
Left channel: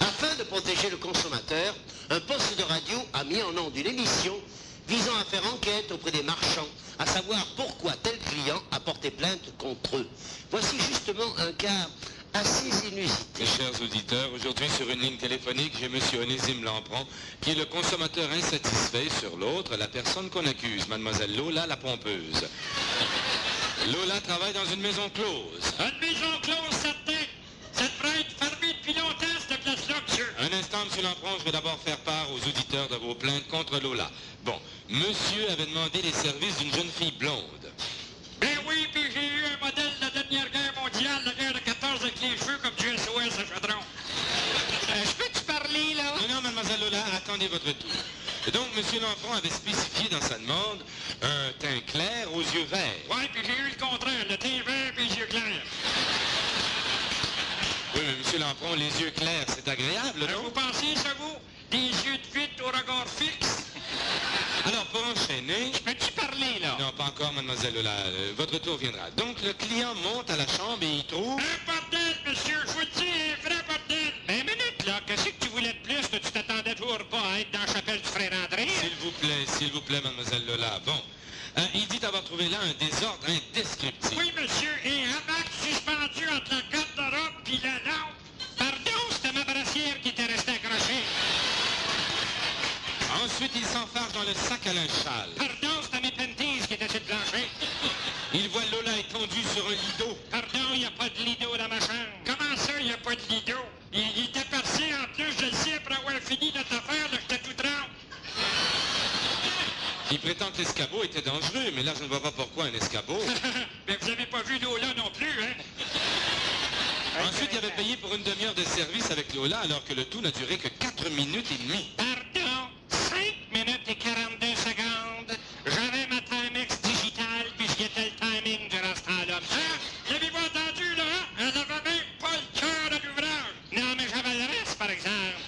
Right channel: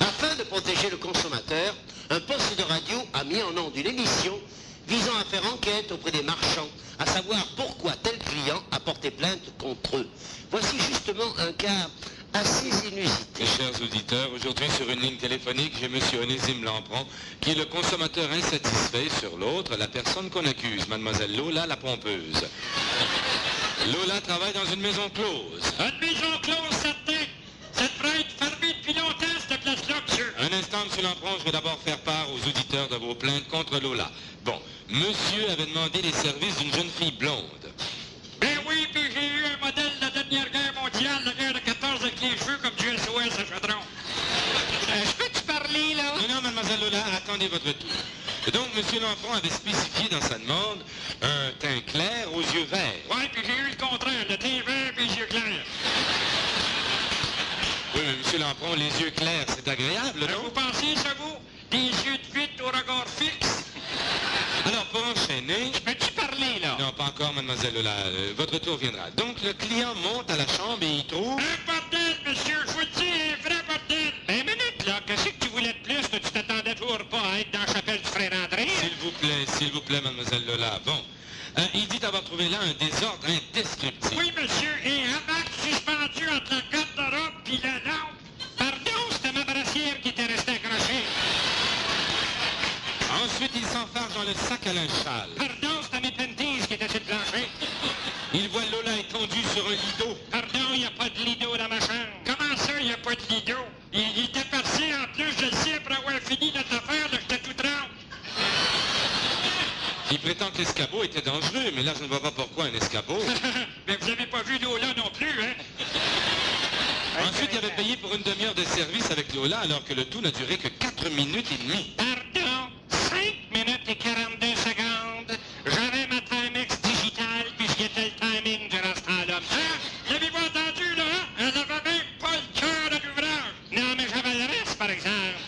Afin de protéger le consommateur, un poste de radio a mis en onde une émission visant à faire enquête auprès des marchands, à savoir pourquoi tel client a porté plainte contre eux. Voici justement un cas assez inusité. Mes chers auditeurs, aujourd'hui sur une ligne téléphonique, j'ai M. Onésime Lampron, qui est le consommateur insatisfait sur l'autre, la personne qu'on accuse, Mademoiselle Lola la pompeuse. Lola travaille dans une maison close. Une maison close, certain. Ça devrait être fermé depuis longtemps, cette place-là, monsieur. Un instant, M. Lampron, je vais d'abord faire part aux auditeurs de vos plaintes contre Lola. Bon, monsieur avait demandé les services d'une jeune fille blonde. Ben oui, puis j'ai eu un modèle de la dernière guerre mondiale, la guerre de 14 avec les cheveux comme du SOS à Chaudron. Je peux-tu parler, là? Non, non, mademoiselle Lola, attendez votre tour. Donc, M. Lampron avait spécifié dans sa demande un teint clair aux yeux verts. Ouais, puis j'ai eu le contraire, le teint vert et les yeux clairs. Oui, mais M. Lampron, les yeux clairs, c'est agréable, non? Vous pensez, ça, vous? Des yeux de fuite au regard fixe? Alors, pour enchaîner... Peux-tu parler, là? Non, pas encore, mademoiselle Lola. Votre tour viendra. Donc, le client monte à la chambre et il trouve... Un bordel, monsieur, je vous le dis, un vrai bordel. Ben, minute, là, qu'est-ce que tu voulais de plus? Que tu t'attendais toujours pas à être dans la chapelle du frère André? S'il vous plaît, mademoiselle Lola. Bon. Il dit avoir trouvé là un désordre indescriptible. Oui, monsieur, et un hamac suspendu entre la garde-robe puis la lampe. Pardon, c'était ma brassière qui était restée accrochée. Ensuite, il s'enfarge dans le sac à linge sale. Pardon, c'était mes panties qui étaient sur le plancher. Il voit Lola étendue sur un lido. Pardon, il n'y a pas de lido dans ma chambre. Comment ça, il n'y a pas de lido? Il était parti en plus, je le sais, pour avoir fini notre affaire, là, j'étais tout trempe. Il prétend que l'escabeau était dangereux, mais là, je ne vois pas pourquoi un escabeau. Mais vous n'avez pas vu Lola non plus, hein? Ensuite, il avait payé pour une demi-heure de service avec Lola, alors que le tout n'a duré que 4 minutes et demie. Pardon, 5 minutes et 42 secondes. J'avais ma Timex digitale, puis c'était le timing durant ce temps-là. Hein? L'avez-vous entendu, là? Hein? Elle n'avait même pas le cœur de l'ouvrage. Non, mais j'avais le reste, par exemple.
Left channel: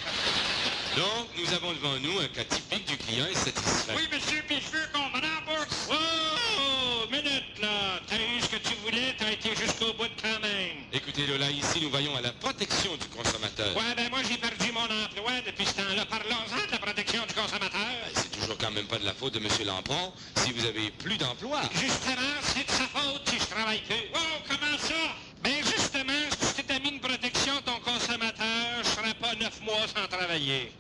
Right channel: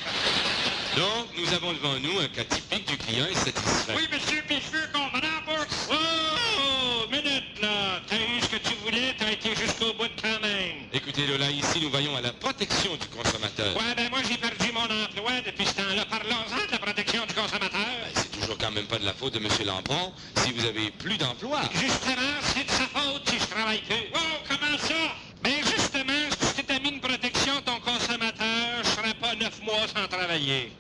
Donc, nous avons devant nous un cas typique du client insatisfait. Oui, monsieur, puis je veux qu'on me rembourse. Oh, minute, là. T'as eu ce que tu voulais, t'as été jusqu'au bout quand même. Écoutez, Lola, ici, nous voyons à la protection du consommateur. Ouais, ben moi, j'ai perdu mon emploi depuis ce temps-là. Parlons-en de la protection du consommateur. C'est toujours quand même pas de la faute de M. Lampron si vous avez plus d'emploi. Justement, c'est de sa faute si je travaille plus. Oh, comment ça? Ben justement, si tu t'as mis une protection ton consommateur, je serais pas 9 mois sans travailler.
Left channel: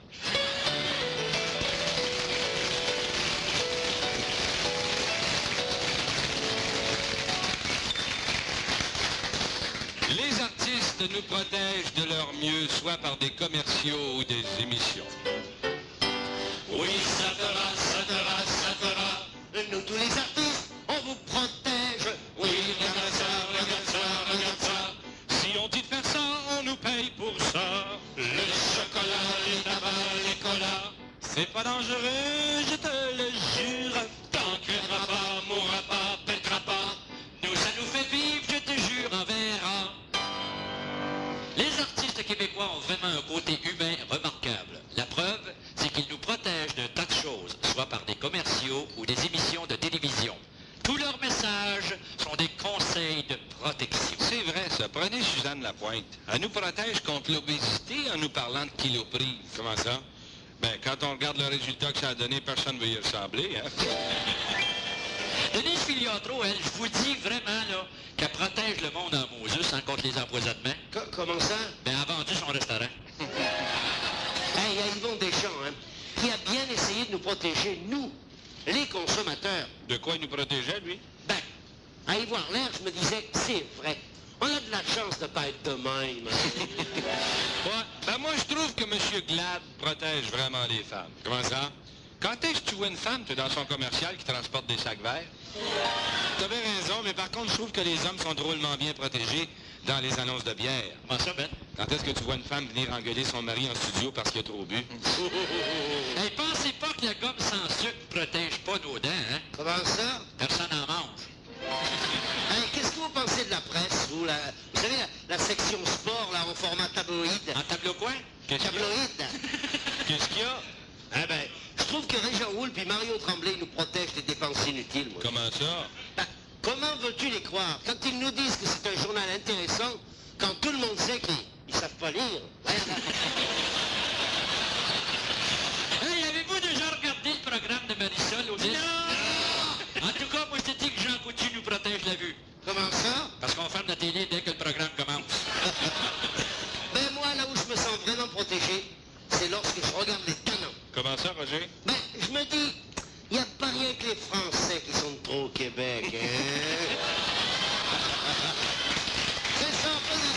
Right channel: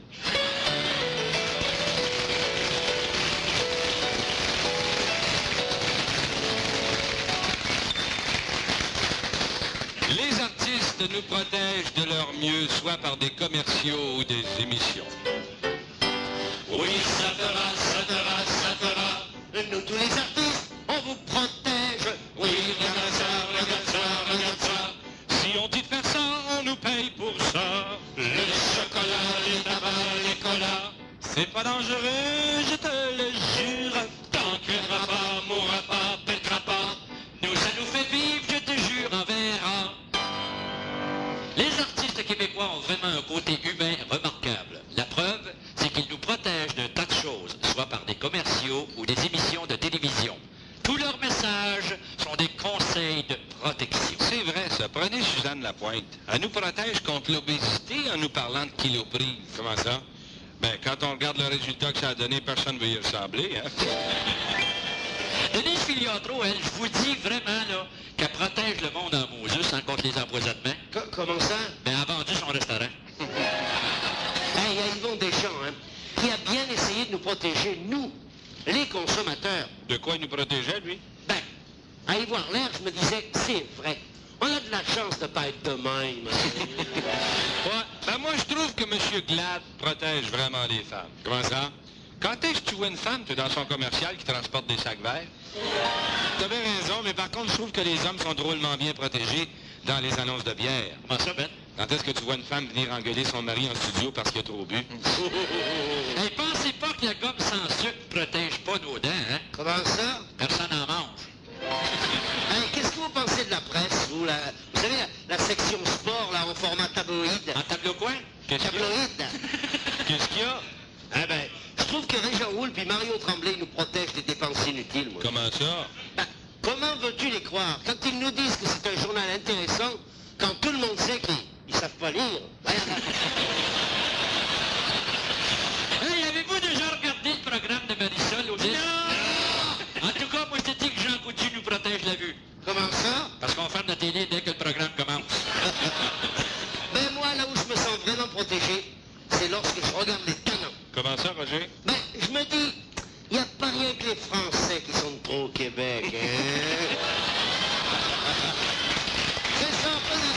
Les artistes nous protègent de leur mieux, soit par des commerciaux ou des émissions. Oui, ça fera, ça fera, ça fera. Nous, tous les artistes, on vous protège. Oui, regarde ça, regarde ça, regarde ça. Si on dit de faire ça, on nous paye pour ça. Le chocolat, les tabacs, les colas. C'est pas dangereux, je te le jure. Tant que pas, mourra pas, pètera pas. Nous, ça nous fait vivre, je te jure, on verra. Les artistes québécois ont vraiment un côté humain remarquable. La preuve, c'est qu'ils nous protègent de tas de choses, soit par des commerciaux ou des émissions de télévision. Tous leurs messages sont des conseils de protection. C'est vrai, ça. Prenez Suzanne Lapointe. Elle nous protège contre l'obésité en nous parlant de kiloprise. Comment ça? Ben, quand on regarde le résultat que ça a donné, personne ne veut y ressembler, hein? Denise Filiatro, elle, je vous dis vraiment, là, qu'elle protège le monde en Moses contre les empoisonnements. Comment ça? Ben, elle a vendu son restaurant. Hey, il y a Yvon Deschamps, hein, qui a bien essayé de nous protéger, nous, les consommateurs. De quoi il nous protégeait, lui? Ben, à y voir l'air, je me disais, c'est vrai. On a de la chance de pas être de même. Ouais, ben moi, je trouve que M. Glad protège vraiment les femmes. Comment ça? Quand est-ce que tu vois une femme, tu es dans son commercial qui transporte des sacs verts? T'as bien raison, mais par contre, je trouve que les hommes sont drôlement bien protégés dans les annonces de bière. Comment ça, Ben? Quand est-ce que tu vois une femme venir engueuler son mari en studio parce qu'il a trop bu? Hey, pensez pas que la gomme sans sucre protège pas nos dents, hein? Comment ça? Personne n'en mange. Hein, qu'est-ce que vous pensez de la presse, vous? Vous savez, la section sport, là, en format tabloïd. En tableau quoi? Tabloïd. Qu'est-ce qu'il y a? Ah ben, je trouve que Régent Houle puis Mario Tremblay nous protègent des dépenses inutiles, moi. Comment ça? Ben, comment veux-tu les croire? Quand ils nous disent que c'est un journal intéressant, quand tout le monde sait qu'ils savent pas lire. Hey, avez-vous déjà regardé le programme de Marisol au Non! En tout cas, moi, je te dis que Jean Coutu nous protège la vue. Comment ça? Parce qu'on ferme la télé dès que le programme commence. Ben moi, là où je me sens vraiment protégé, c'est lorsque je regarde les canons. Comment ça, Roger? Ben, je me dis, il n'y a pas rien que les Français qui sont trop au Québec, hein? C'est ça, pas la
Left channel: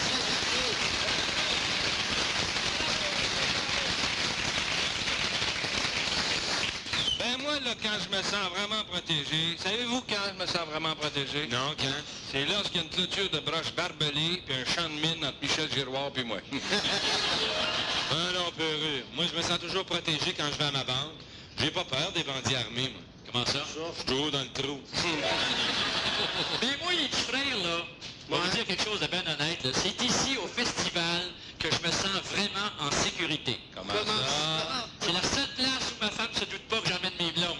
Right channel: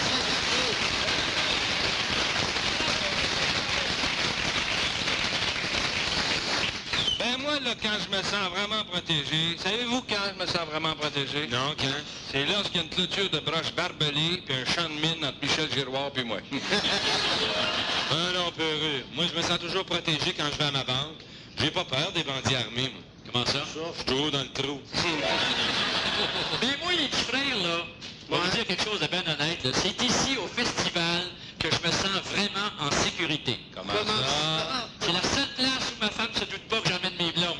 Ben moi, là, quand je me sens vraiment protégé, savez-vous quand je me sens vraiment protégé? Non, quand? C'est lorsqu'il y a une clôture de broche barbelée puis un champ de mine entre Michel Giroir puis moi. Ah non, peureux. Moi, je me sens toujours protégé quand je vais à ma banque. J'ai pas peur des bandits armés, moi. Comment ça? Je suis toujours dans le trou. Mais moi, les petits frères, là, je vais vous dire quelque chose de bien honnête. là. C'est ici, au festival, que je me sens vraiment en sécurité. Comment ça? C'est la seule place où ma femme se doute pas que j'emmène mes blondes.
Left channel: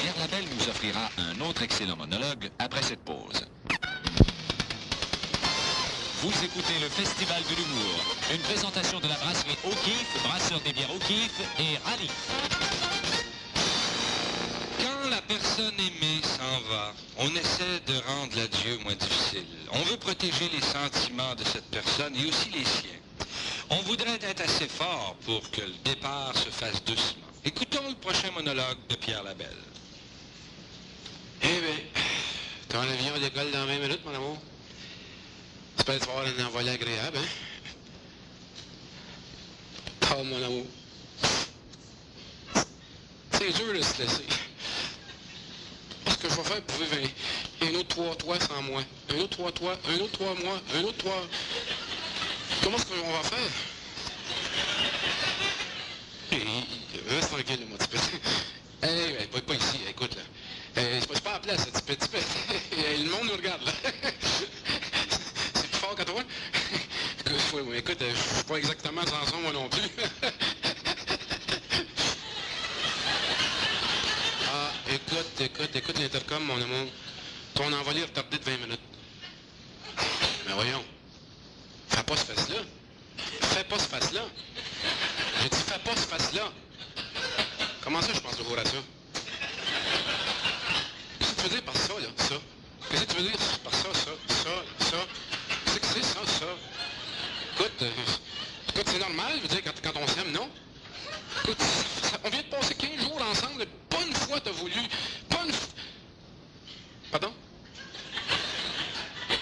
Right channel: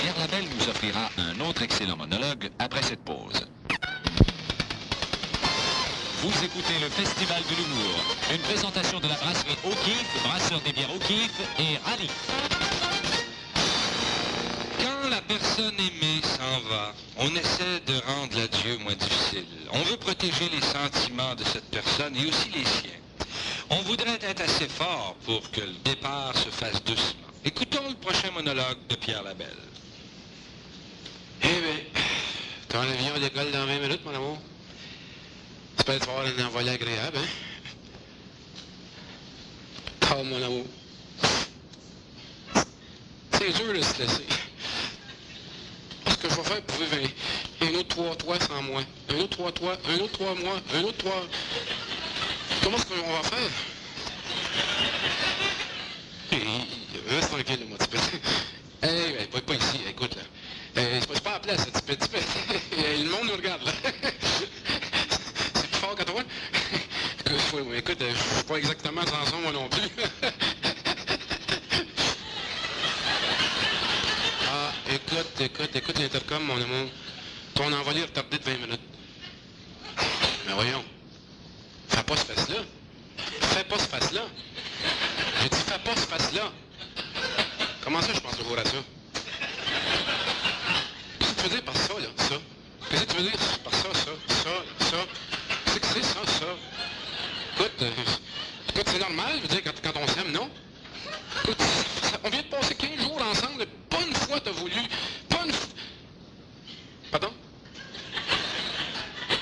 Pierre Labelle nous offrira un autre excellent monologue après cette pause. Vous écoutez le Festival de l'humour, une présentation de la brasserie O'Keeffe, brasseur des bières O'Keeffe et ravi. Quand la personne aimée s'en va, on essaie de rendre l'adieu moins difficile. On veut protéger les sentiments de cette personne et aussi les siens. On voudrait être assez fort pour que le départ se fasse doucement. Écoutons le prochain monologue de Pierre Labelle. Eh bien, ton avion décolle dans 20 minutes, mon amour. J'espère que tu vas avoir un envolé agréable, hein? Oh, mon amour. C'est dur de se laisser. Ce que je vais faire pour vivre un autre 3 toits sans moi. Un autre 3 toits, un autre 3 mois, un autre 3... Comment est-ce qu'on va faire? Reste tranquille, moi, tu peux. Hey, pas ici, écoute, là. Je suis pas en place, tu peux. Le monde nous regarde, là. C'est plus fort que toi? Écoute, je suis pas exactement Samson, moi non plus. Ah, écoute l'intercom, mon amour. Ton envolé est retardé de 20 minutes. Mais voyons. Fais pas ce face-là. Fais pas ce face-là. J'ai dit, fais pas ce face-là. Comment ça, je pense toujours à ça? Qu'est-ce que tu veux dire par ça, là? Ça? Qu'est-ce que tu veux dire par ça? Qu'est-ce que c'est ça? Écoute, c'est normal, je veux dire, quand on s'aime, non? Écoute, on vient de passer 15 jours ensemble, pas une fois t'as voulu, pas une fois... Pardon?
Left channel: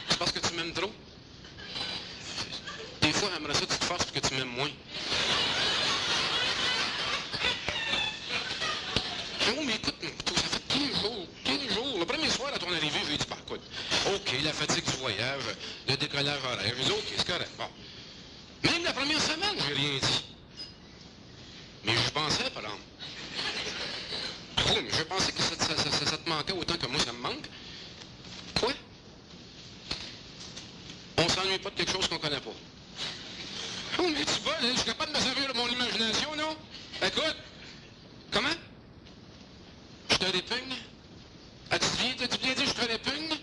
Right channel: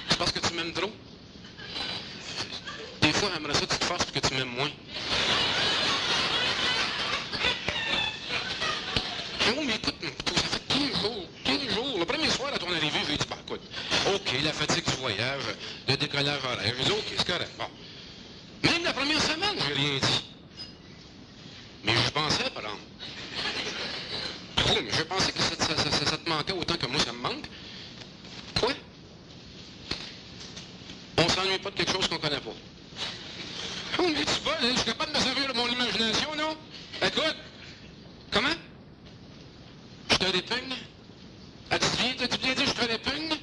C'est parce que tu m'aimes trop? Des fois, j'aimerais ça que tu te fasses parce que tu m'aimes moins. Non, mais écoute, ça fait 15 jours. Le premier soir à ton arrivée, j'ai dit, bah écoute, OK, la fatigue du voyage, le décollage horaire, OK, c'est correct, bon. Même la première semaine, j'ai rien dit. Mais je pensais, par exemple. Oh, mais je pensais que ça te manquait autant que moi, ça me manque. Toi? On s'ennuie pas de quelque chose qu'on connaît pas. Oh, mais tu vois, hein, je suis capable de me servir de mon imagination, non? Écoute, comment? Je te répugne? As-tu bien dit je te répugne?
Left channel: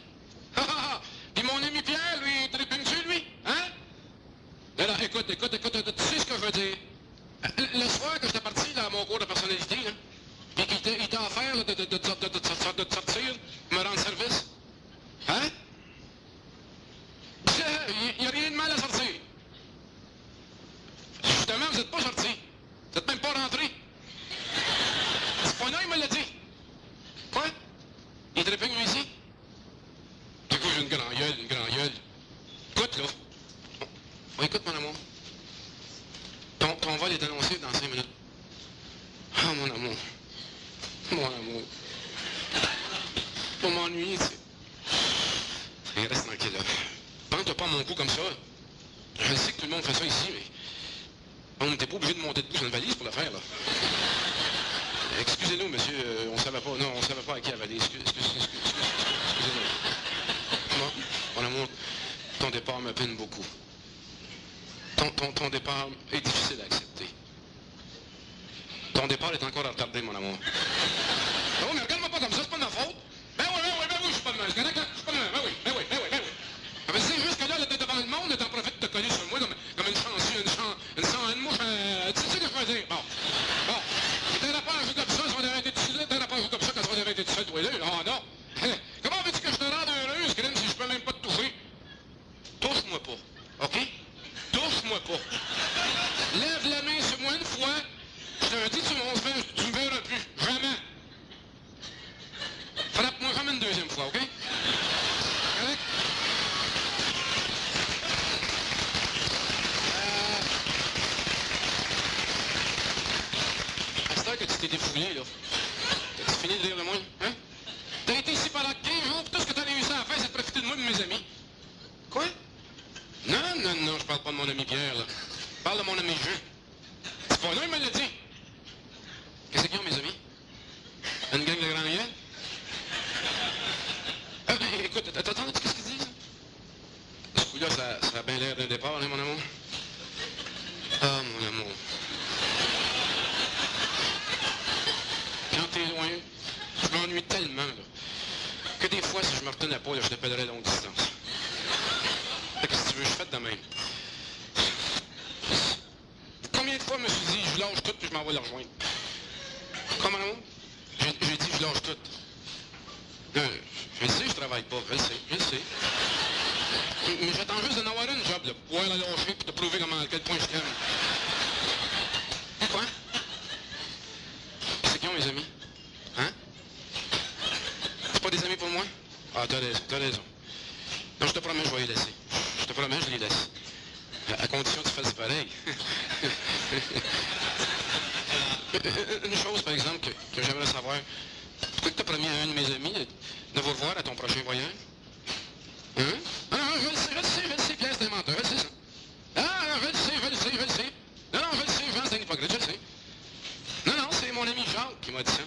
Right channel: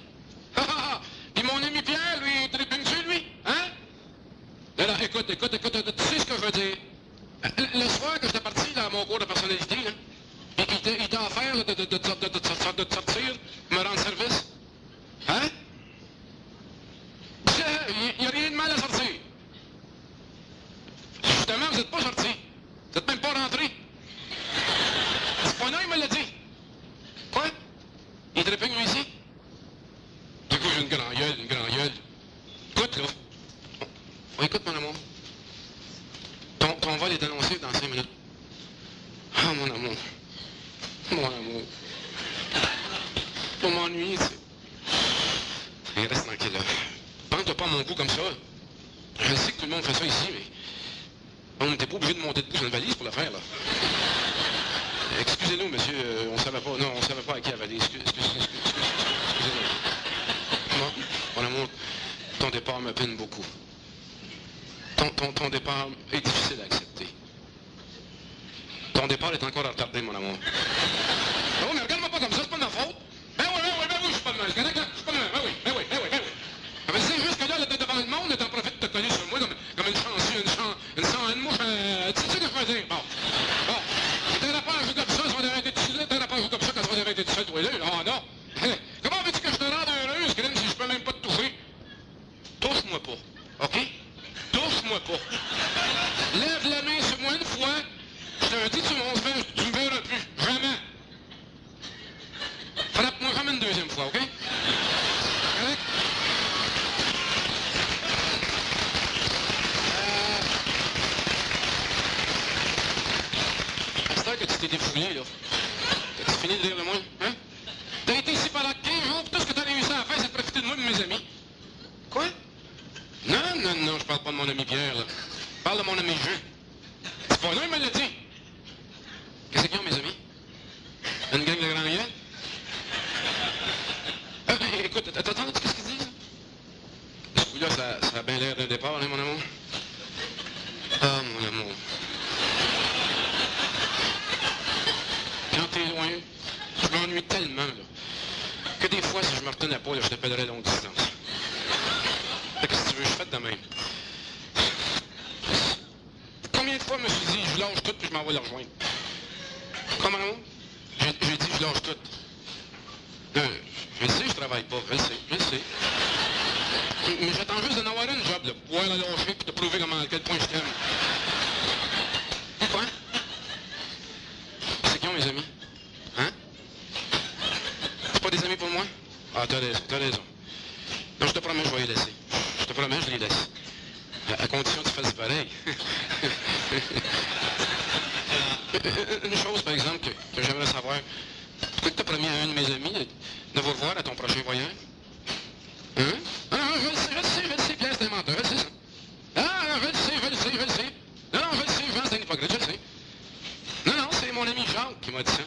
Et mon ami Pierre, lui, te répugne-tu, lui? Hein? Alors, écoute, tu sais ce que je veux dire? Le soir que j'étais parti dans mon cours de personnalité, là, il t'a offert là, de te sortir, me rendre service. Hein? Il n'y a rien de mal à sortir. Justement, vous n'êtes pas sortis. Vous n'êtes même pas rentrés. C'est pas non, il me l'a dit. Ton vol est annoncé dans 5 minutes. Ah, mon amour. Mon amour. Pour m'ennuyer, c'est... Hey, reste tranquille, là. Prends-toi pas mon coup comme ça. Je sais que tout le monde fait ça ici, mais... On n'était pas obligé de monter debout sur une valise pour le faire, là. Excusez-nous, monsieur, on savait pas... Non, on savait pas à qui avaler. Excusez-nous. Mon amour, ton départ me peine beaucoup. Ton départ est difficile à accepter. Ton départ est encore retardé, mon amour. Non, mais regarde-moi pas comme ça, c'est pas de ma faute. Ben oui, je suis pas de mal. Je suis pas de mal. Ben oui. Mais c'est juste que là, devant le monde, t'en profites de te coller sur moi comme une chanceux, une mouche. Tu sais ce que je veux dire? Bon. T'aurais pas à jouer comme ça, si on avait été dessus là, t'aurais pas à jouer comme ça quand on avait été dessus, toi, là. Oh non. Comment veux-tu que je te rende heureuse, Grim, si je peux même pas te touffer? Touche-moi pas, OK? Touche-moi pas. Lève la main sur moi une fois, je te dis, tu me verras plus. Jamais. Frappe-moi jamais une deuxième fois, OK? Correct? J'espère que tu t'es défoulé, là. T'as fini de rire de moi, hein? T'as été ici pendant 15 jours, tout ce que t'as réussi à faire, c'est de profiter de moi et de mes amis. Quoi? Non, je parle pas de mon ami Pierre, là. Je parle de mon ami Jean. C'est pas lui, il me l'a dit. Qu'est-ce qu'ils ont, mes amis? Une gang de grands gueules? Écoute, attends, qu'est-ce qu'il dit, là? Ce coup-là, ça a bien l'air d'un départ, hein, mon amour? Ah, mon amour. Quand t'es loin, je m'ennuie tellement, là, que des fois, si je me retenais pas, là, je t'appellerais longue distance. Qu'est-ce que tu veux, je fais de même. Combien de fois je me suis dit, je lâche tout puis je m'en vais le rejoindre? Comment? J'ai dit, je lâche tout. Je le sais, je travaille pas, je le sais. Mais j'attends juste d'en avoir une job, là, pour pouvoir la lâcher puis te prouver à quel point je t'aime. Quoi? C'est qui ont mes amis? Hein? C'est pas des amis pour moi? Ah, t'as raison. Non, je te promets, je vais les laisser. Je te promets, je les laisse. À condition que tu fasses pareil. Une chose, par exemple, que j'aimerais savoir. Pourquoi tu as promis à un de mes amis de vous revoir à ton prochain voyage? Hein? Ah non, je le sais, Pierre, c'est un menteur, je sais ça. Ah non, je le sais. Non, je le sais, Jean, c'est un hypocrite, je le sais. Non, c'est mon ami Jacques qui m'a dit ça.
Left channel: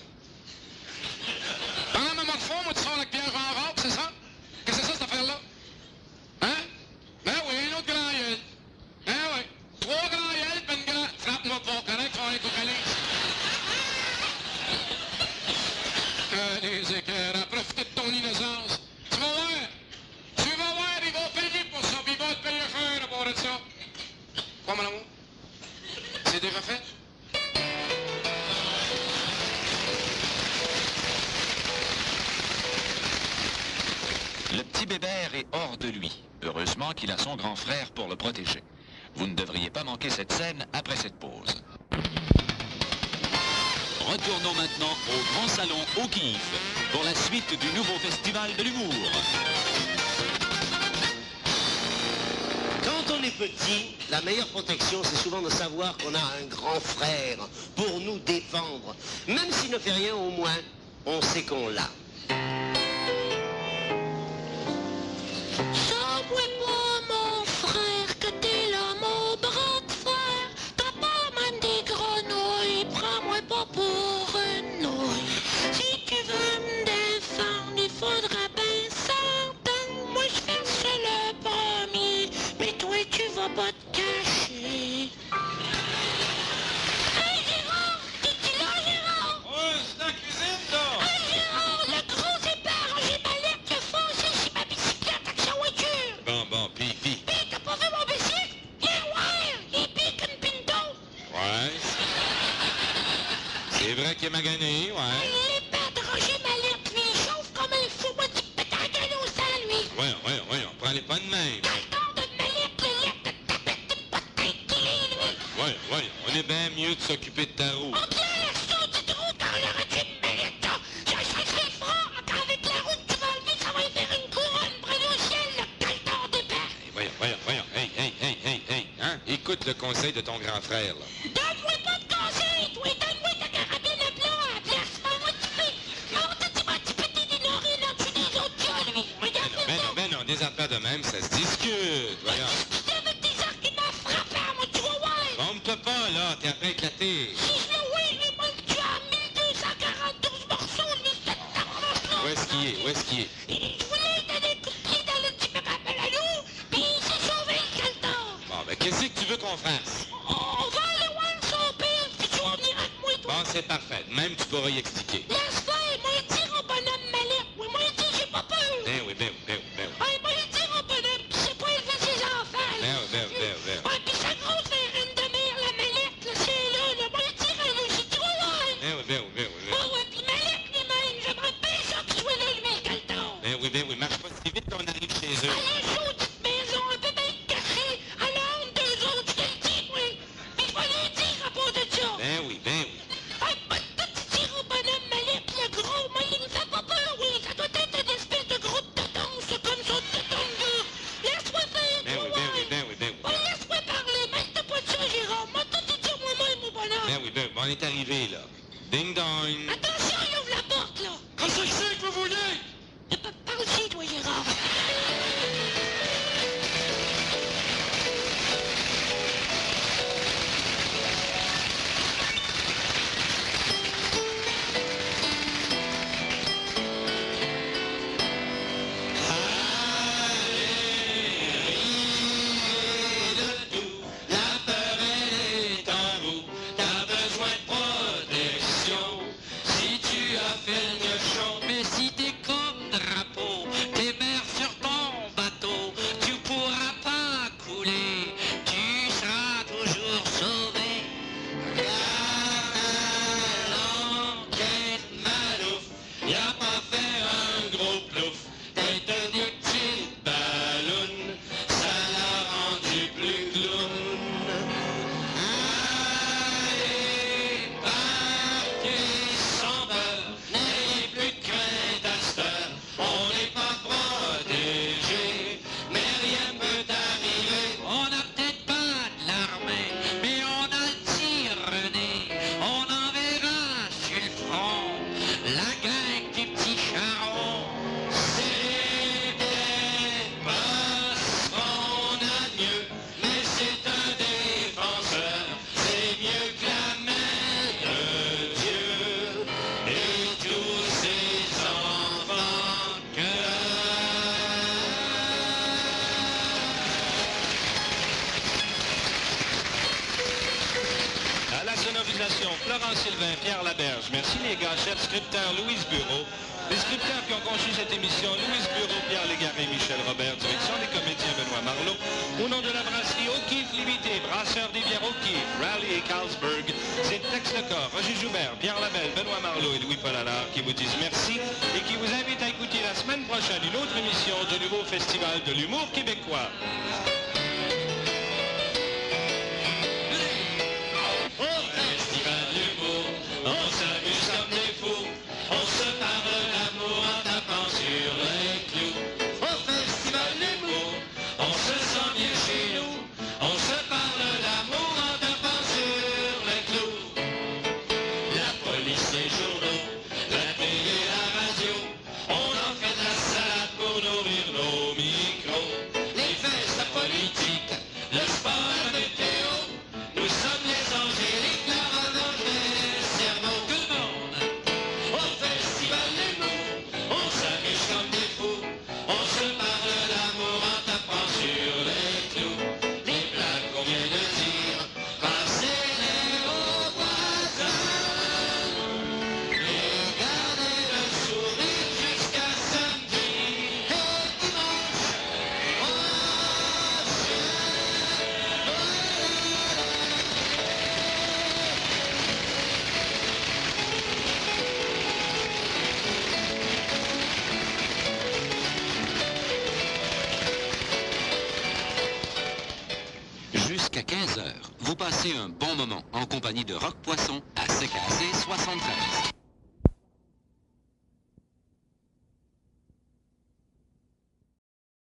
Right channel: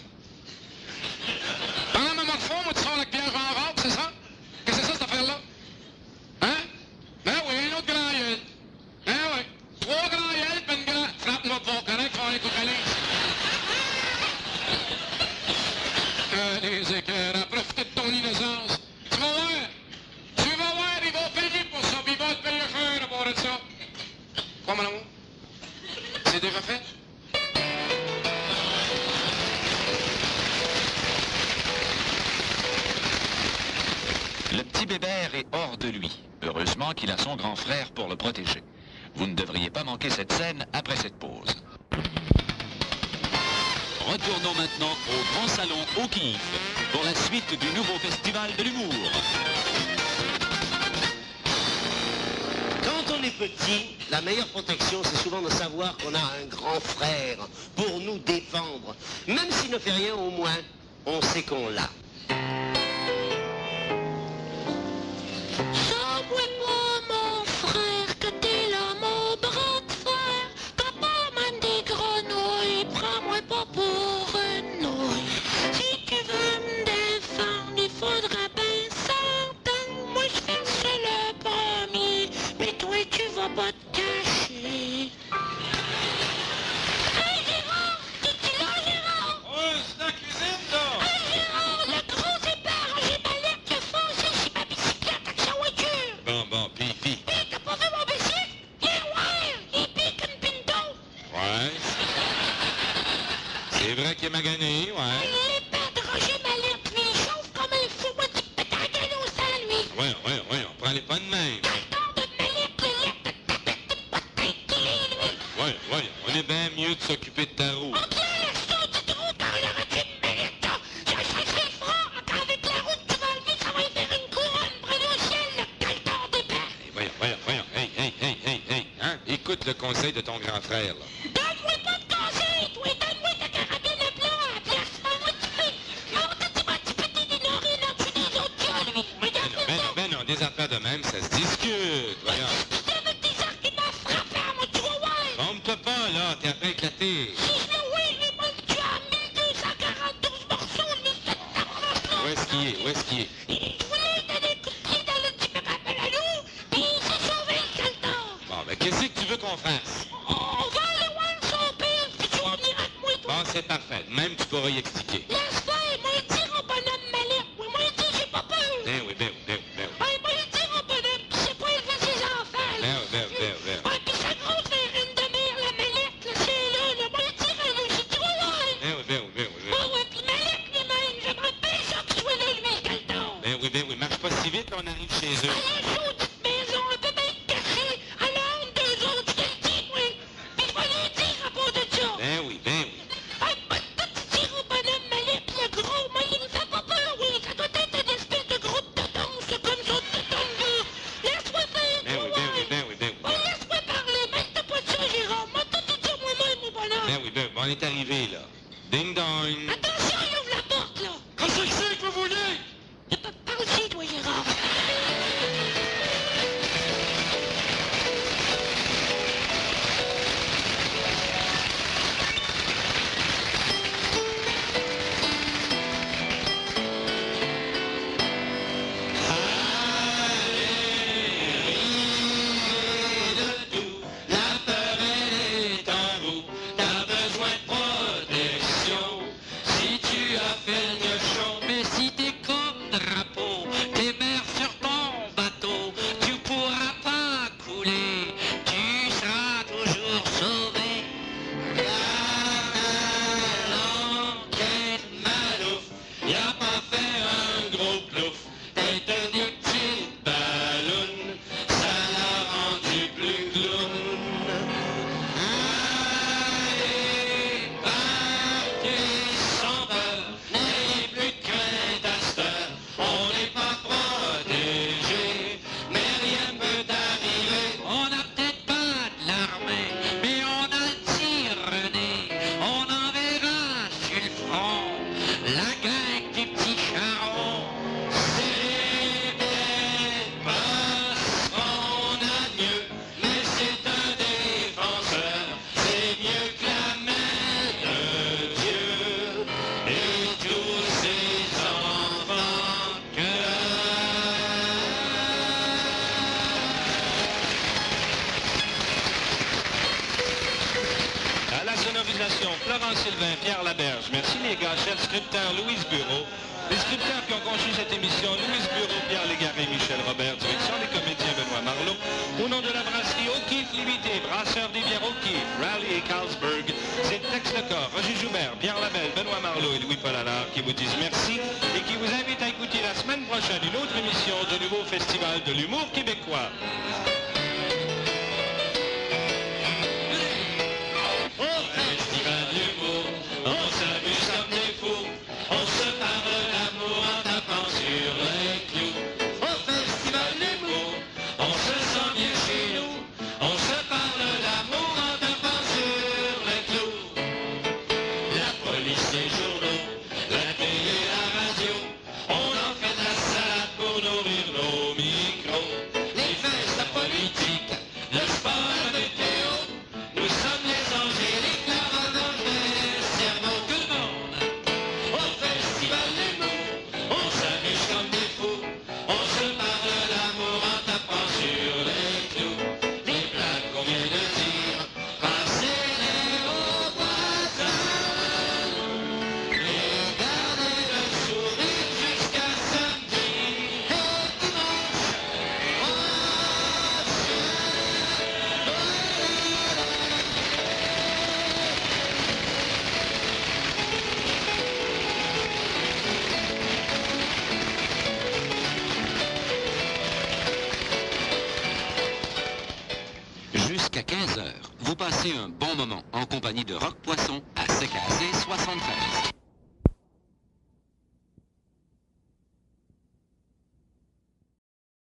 Pendant ma morphose, moi, tu sors avec Pierre Jean Rabe, c'est ça? Qu'est-ce que c'est ça, cette affaire-là? Hein? Ben oui, un autre grand gueule. Ben oui. 3 grands gueules, puis une grande... Frappe-moi pas, correct, on va écouter les écœurs, profitez de ton innocence. Tu vas voir, ils vont payer pour ça, puis ils vont te payer cher à part de ça. Quoi, mon amour? C'est déjà fait? Le petit Bébert est hors de lui. Heureusement qu'il a son grand frère pour le protéger. Vous ne devriez pas manquer cette scène après cette pause. Retournons maintenant au Grand Salon O'Keeffe pour la suite du nouveau festival de l'humour. Quand on est petit, la meilleure protection, c'est souvent de savoir qu'on a un grand frère pour nous défendre. Même s'il ne fait rien, au moins, on sait qu'on l'a. Pas te cacher. Hey Gérard! T'es-tu là, Gérard? Ouais, c'est la cuisine, là! Hey Gérard, le gros départ, j'ai ma lettre de foncé sur ma bicyclette avec sa voiture. Bon, pis. Hey, t'as pas vu mon bicycle? Il pique une pinto. Ouais. C'est vrai qu'il est magané, ouais. Il est pétrogé ma lettre, mais sauf comme il faut, moi, tu peux t'engueuler au sol, lui. Ouais, on prend les pas de même. Ouais, on est bien mieux de s'occuper de ta roue. Ok, ça, tu trouves quand il aurait dû te mériter. Ça serait fort, qu'avec la route que tu vas lever, ça va y faire une couronne près du ciel, le caltor d'épais. Voyons. Hey, hein? Écoute le conseil de ton grand frère, là. Donne-moi pas de conseils, toi! Donne-moi de carotter le plat à la place! Tu m'as occupé tes nourrir là-dessus des autres gars, lui! Ben non, des affaires de même, ça se discute, voyons. Avec des arguments frappants, moi, tu vas voir! Trompe-toi pas, là, t'es en train d'éclater. Si je le vois, il est même tué en 1242 morceaux, lui, cette tabarnak-là! Où est-ce qu'il est? Il voulait donner un coup de pied dans le petit mécanisme à l'eau, puis il s'est sauvé le calton! Bon, ben, qu'est-ce que tu veux qu'on fasse? On va aller voir son père, puis tu vas venir avec moi, toi! Bon, c'est parfait. Même, tu pourras y expliquer. Laisse faire, moi, dire au bonhomme Mallette, oui, moi, dire, j'ai pas peur! Ben oui. Moi, dire au bonhomme, pis c'est pas élevé ses enfants, là! Ben. Ouais, pis sa grosse reine de mer, la Mallette, là, c'est là, moi, dire, elle aussi, tu vas voir! Ben oui. Ah ouais, pis Mallette lui-même, j'aimerais bien ça qu'il soit là, lui, le calton! Ben oui, marche pas si vite, on arrive chez eux. À la sautite maison, un peu bien cachée, à la honte d'eux autres, je te le dis, moi! Pis je vais lui dire à propos de ça! Ben oui. Ah, moi, tu dire au bonhomme Mallette, le gros, moi, il me fait pas peur, oui! Ça doit être une espèce de gros tonton, c'est comme ça, de tonton, là! Laisse-moi faire, Ben oui. Ouais, laisse-moi parler, mets-toi pas de ça, Gérard! Moi, tout te dire moi-même, mon bonhomme! Ben oui, on est arrivé, là. Ding dong. Attention, il ouvre la porte, là! Qu'est-ce que c'est que vous voulez? Y'a pas de pas aussi, toi, Gérard! La peur elle est en vous, t'as besoin de protection. Si tu as fait le gauchon, Mais si t'es comme drapeau, t'es mères sur ton bateau, tu pourras pas couler, tu seras toujours sauvé. l'enquête Malouf, y a pas fait un gros plouf. T'es tenu petite balloune, ça l'a rendu plus clown. Allez, partez sans peur, n'ayez plus de crainte à cette heure. On n'est pas protégé, mais rien peut arriver. On n'a peut-être pas de l'armée, mais on a le tir René. On enverra sur le front la gang des petits charrons. C'est peut-être pas son adieu, mais c'est un défenseur. C'est mieux que la main de Dieu et tous ses enfants À la sonorisation, Florence Sylvain, Pierre Laberge. Merci les gars, chef scripteur Louise Bureau. Les scripteurs qui ont conçu cette émission, Louise Bureau, Pierre Légaré, Michel Robert, direction les comédiens Benoît Marleau. Au nom de la brasserie O'Keeffe Limité, brasseur des bières O'Keeffe, Raleigh et Carlsberg, c'est Tex Lecor, Roger Joubert, Pierre Labelle, Benoît Marleau et Louis-Paul Allard qui vous disent merci et qui vous invitent à écouter la semaine prochaine une autre émission du nouveau Festival de l'humour québécois. Au festival d'humour, on s'amuse comme des fous. On se parle d'amour en tapant sur les clous. Au festival d'humour, on se sent bien chez nous. On se parle d'amour en tapant sur les clous. La police, les journaux, la télé, la radio. On en fait de la salade pour nourrir nos micros. Les faits, la politique, le sport, la météo. Nous sommes les angéliques, la revanche des cerveaux, tout le monde. Au festival d'humour, on s'amuse comme des fous. On se parle d'amour en tapant sur les clous. Les blagues qu'on vient de dire, passez-les aux voisins. Et gardez le sourire jusqu'à samedi. Et dimanche, Jusqu'à 15h, vous passez un bon moment en compagnie de Rock Poisson à CKC 73.